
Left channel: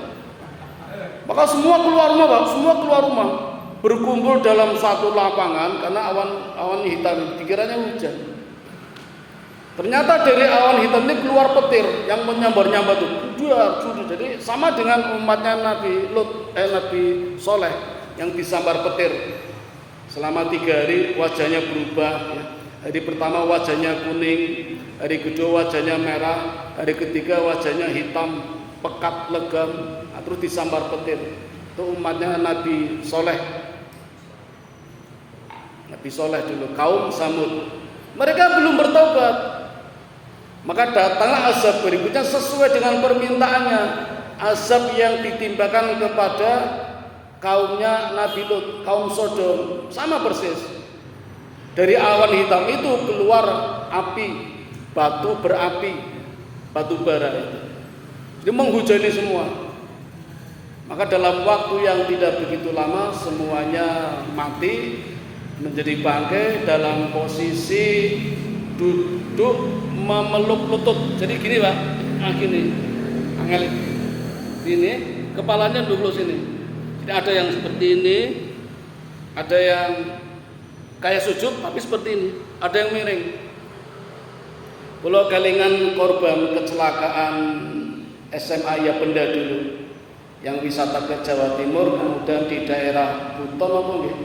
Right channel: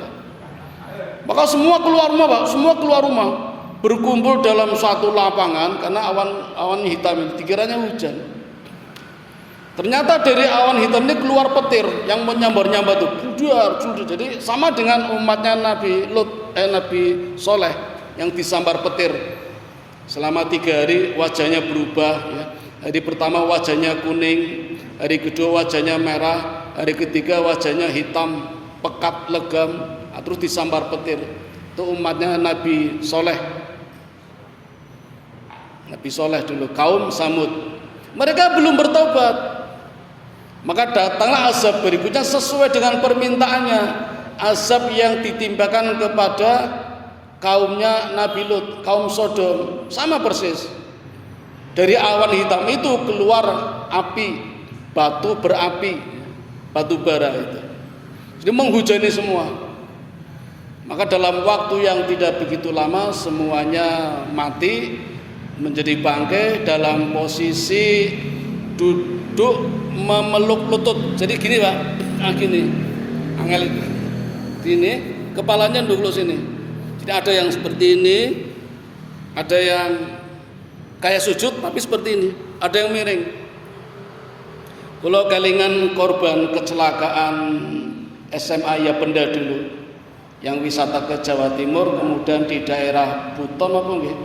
Maka semua keluar rumah Pak, semua keluar rumah, berkumpul dalam satu lapangan karena awan hitam itu dikiranya hujan. Ternyata dari awan hitam ini keluar petir yang menyambar-nyambar itu, judar. Jadi sama dengan umatnya Nabi Soleh yang disambar petir. Selama 3 hari wajahnya berubah ya. Hari pertama wajahnya kuning, hari kedua wajahnya merah, hari ketiga wajahnya hitam, pekat, legam, terus disambar petir. Itu umatnya Nabi Soleh. Nabi Soleh dulu, kaum Samud. Mereka belum bertobat. Maka datanglah azab berikutnya sesuai dengan permintaannya. Azab yang ditimbakan kepada kaumnya Nabi Lut, kaum Sodom, sama persis. Dari awan hitam itu keluar api, batu berapi, batu bara itu. Jadi menghujani semua. Maka dalam waktu yang tidak begitu lama semuanya mati, menjadi bangkai dalam posisi duduk memeluk lutut. Jadi gini Pak, gini, gini, kepalanya duduk sini. Jadi ada yang seperti ini, ada yang kayak sujud tapi seperti ini, ada yang miring. Kalau kelingan korban kecelakaan SMA ya Benda dulu, yang wisata ke Jawa Timur, kemudian di daerah Buton apa nggih?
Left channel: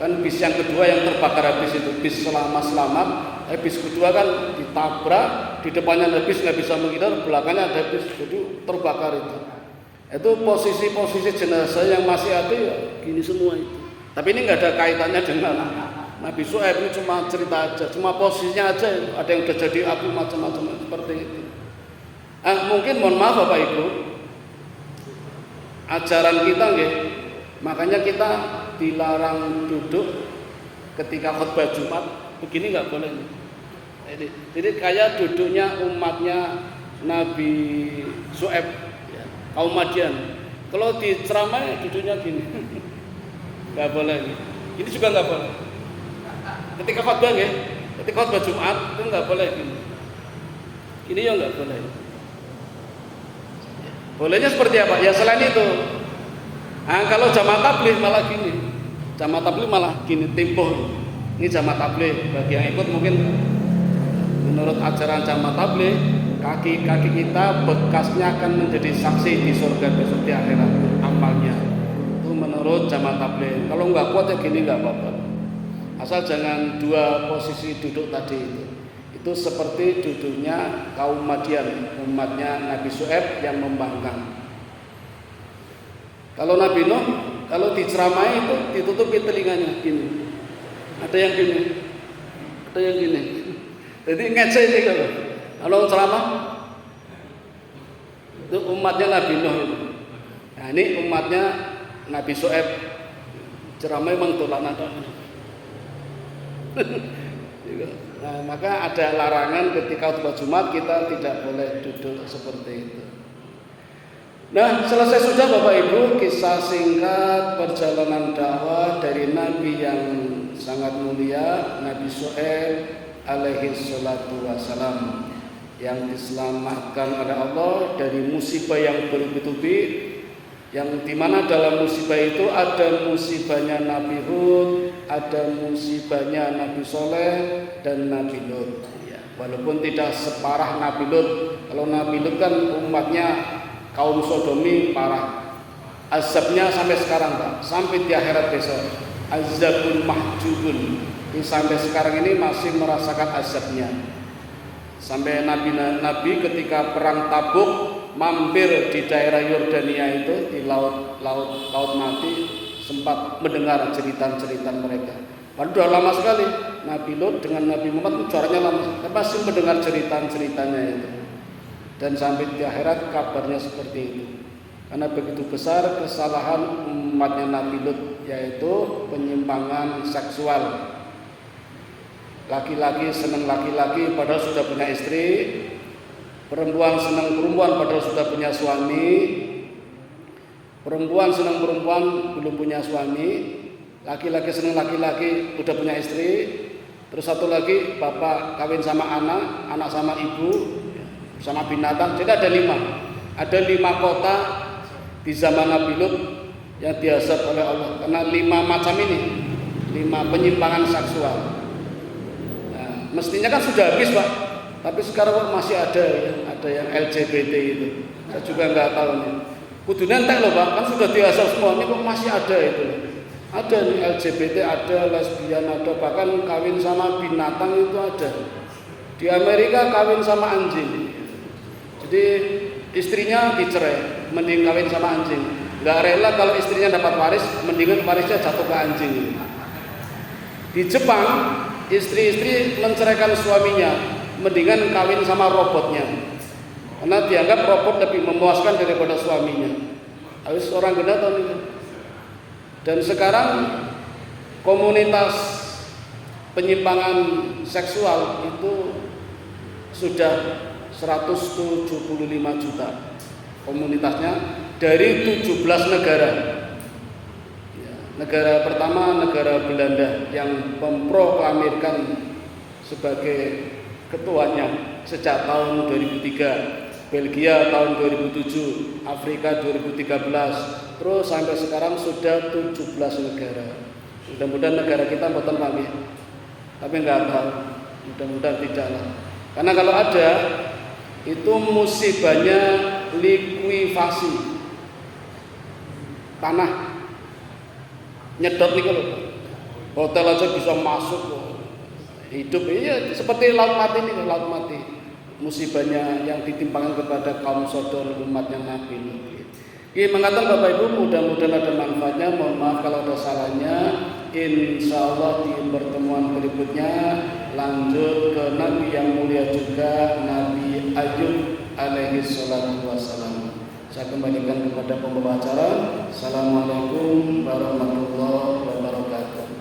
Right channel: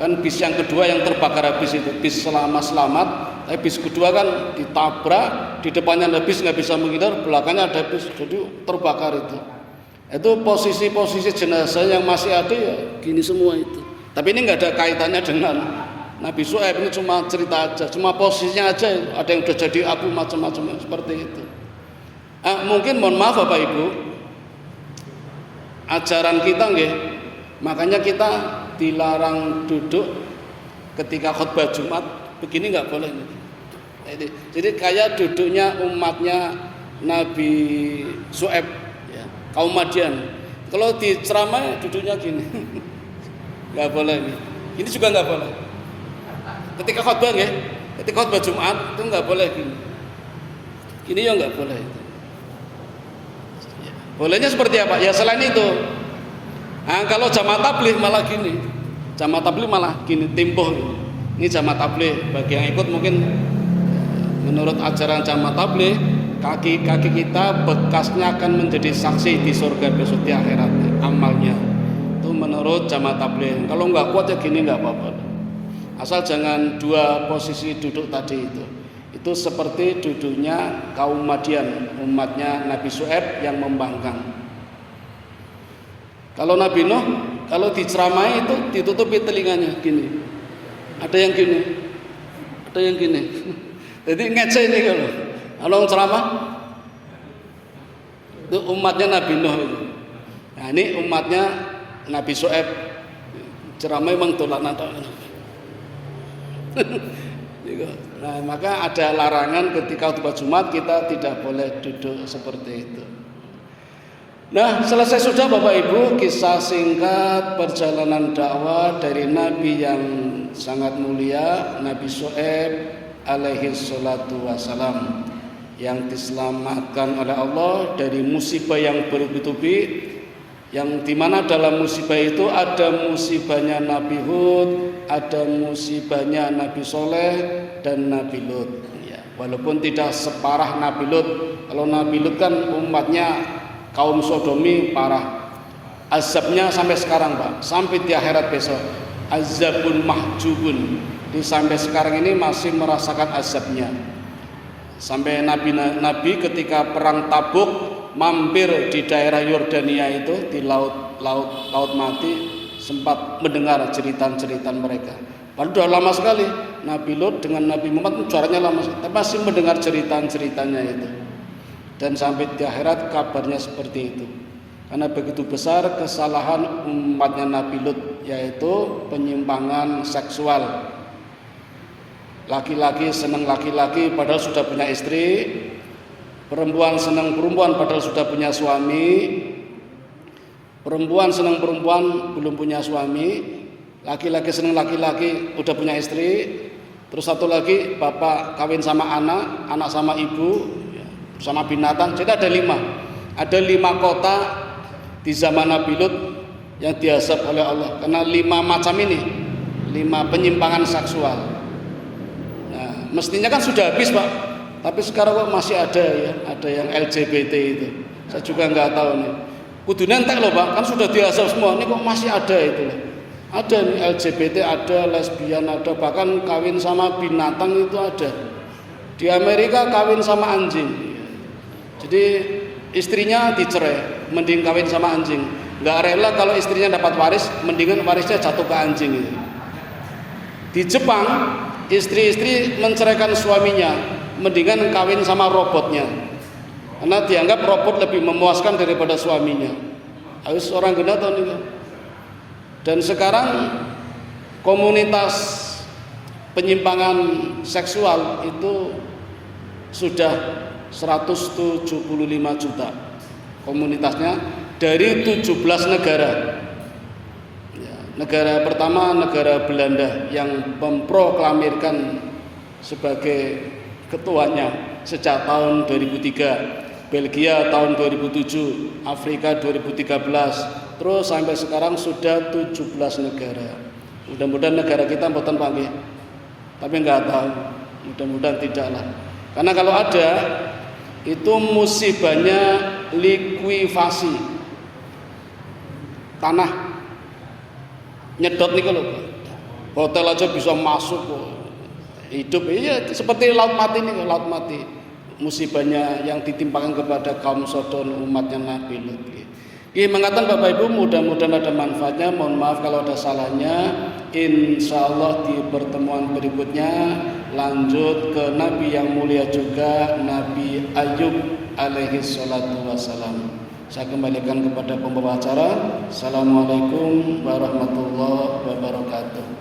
Kan bis yang kedua yang terbakar habis itu, bis selamat. Bis kedua kan ditabrak, di depannya ada bis nggak bisa menghindar, belakangnya ada bis, jadi terbakar itu. Itu posisi-posisi jenazah yang masih ada ya gini semua itu. Tapi ini nggak ada kaitannya dengan Nabi Syuaib, ini cuma cerita aja, cuma posisinya aja. Ada yang udah jadi api macam-macam seperti itu. Mungkin mohon maaf Bapak Ibu, ajaran kita nggih, makanya kita dilarang duduk ketika khutbah Jumat. Begini nggak boleh nih. Jadi kayak duduknya umatnya Nabi Syuaib, ya, kaum Madian. Kalau di ceramah duduknya gini, nggak boleh nih. Ini juga nggak boleh. Ketika khutbah ya, ketika khutbah Jumat itu nggak boleh gini. Ini ya nggak boleh. Bolehnya seperti apa? Ya selain itu. Nah, kalau jamaah tabligh malah gini. Jamaah tabligh malah gini, tempo. Ini jamaah tabligh, bagi yang ikut mungkin menurut ajaran jamaah tabligh, kaki-kaki kita bekasnya akan menjadi saksi di surga besok di akhirat amalnya. Itu menurut jamaah tabligh. Kalau nggak kuat ya gini nggak apa-apa. Asal jangan dua posisi duduk tadi itu. Itu seperti duduknya kaum Madian, umatnya Nabi Syuaib yang membangkang. Kalau Nabi Nuh, kalau diceramai itu ditutupi telinganya gini. Ada yang gini, ada yang gini. Jadi ngece ini kalau ceramah itu umatnya Nabi Nuh itu. Nah ini umatnya Nabi Syuaib. Ceramah memang tolak nada. Nah, maka ada larangan ketika khutbah Jumat kita tidak boleh duduk seperti itu. Nah, selesai sudah Bapak Ibu kisah singkat perjalanan dakwah dari Nabi yang sangat mulia, Nabi Syuaib alaihi salatu wassalam, yang diselamatkan oleh Allah dari musibah yang bertubi-tubi, yang dimana dalam musibah itu ada musibahnya Nabi Hud, ada musibahnya Nabi Soleh dan Nabi Lut. Ya, walaupun tidak separah Nabi Lut. Kalau Nabi Lut kan umatnya kaum sodomi parah. Azabnya sampai sekarang Pak, sampai di akhirat besok. Azabun mahjubun. Sampai sekarang ini masih merasakan azabnya. Sampai Nabi ketika perang Tabuk mampir di daerah Yordania itu di laut mati, sempat mendengar cerita-cerita mereka. Padahal sudah lama sekali Nabi Lut dengan Nabi Muhammad jaraknya lama, tapi masih mendengar cerita-ceritanya itu. Dan sampai di akhirat kabarnya seperti itu. Karena begitu besar kesalahan umatnya Nabi Lut, yaitu penyimpangan seksual. Laki-laki senang laki-laki padahal sudah punya istri, perempuan senang perempuan padahal sudah punya suami, perempuan senang perempuan belum punya suami, laki-laki senang laki-laki udah punya istri, terus satu lagi bapak kawin sama anak, anak sama ibu, sama binatang. Jadi ada 5 kota di zaman Nabi Lut yang diazab oleh Allah karena 5 macam ini, 5 penyimpangan seksual. Nah, mestinya kan sudah habis Pak, tapi sekarang kok masih ada ya, ada yang LGBT itu. Saya juga nggak tahu nih. Kudu nentek loh Pak, kan sudah diazab semua, ini kok masih ada itu. Ada nih LGBT, ada lesbian, ada bahkan kawin sama binatang itu ada. Di Amerika kawin sama anjing. Jadi istrinya dicerai, mending kawin sama anjing. Nggak rela kalau istrinya dapat waris, mendingan warisnya jatuh ke anjing. Di Jepang, istri-istri menceraikan suaminya, mendingan kawin sama robotnya. Karena dianggap robot lebih memuaskan daripada suaminya. Harus orang gila tahu nih. Dan sekarang komunitas penyimpangan seksual itu sudah 175 juta komunitasnya dari 17 negara. Ya, negara pertama negara Belanda yang memproklamirkan sebagai ketuanya sejak tahun 2003. Belgia tahun 2007, Afrika 2013, terus sampai sekarang sudah 17 negara. Mudah-mudahan negara kita mboten panggih, tapi nggak tahu. Mudah-mudahan tidak lah. Karena kalau ada, itu musibahnya likuifasi tanah, nyedot nih kalau hotel aja bisa masuk hidup. Iya seperti laut mati nih, laut mati. Musibahnya yang ditimpakan kepada kaum Sodom umatnya Nabi Lut. Ini mengatakan Bapak Ibu, mudah-mudahan ada manfaatnya. Mohon maaf kalau ada salahnya. Insya Allah di pertemuan berikutnya lanjut ke Nabi yang mulia juga, Nabi Ayub alaihi salatu wassalam. Saya kembalikan kepada pembawa acara. Assalamualaikum warahmatullahi wabarakatuh.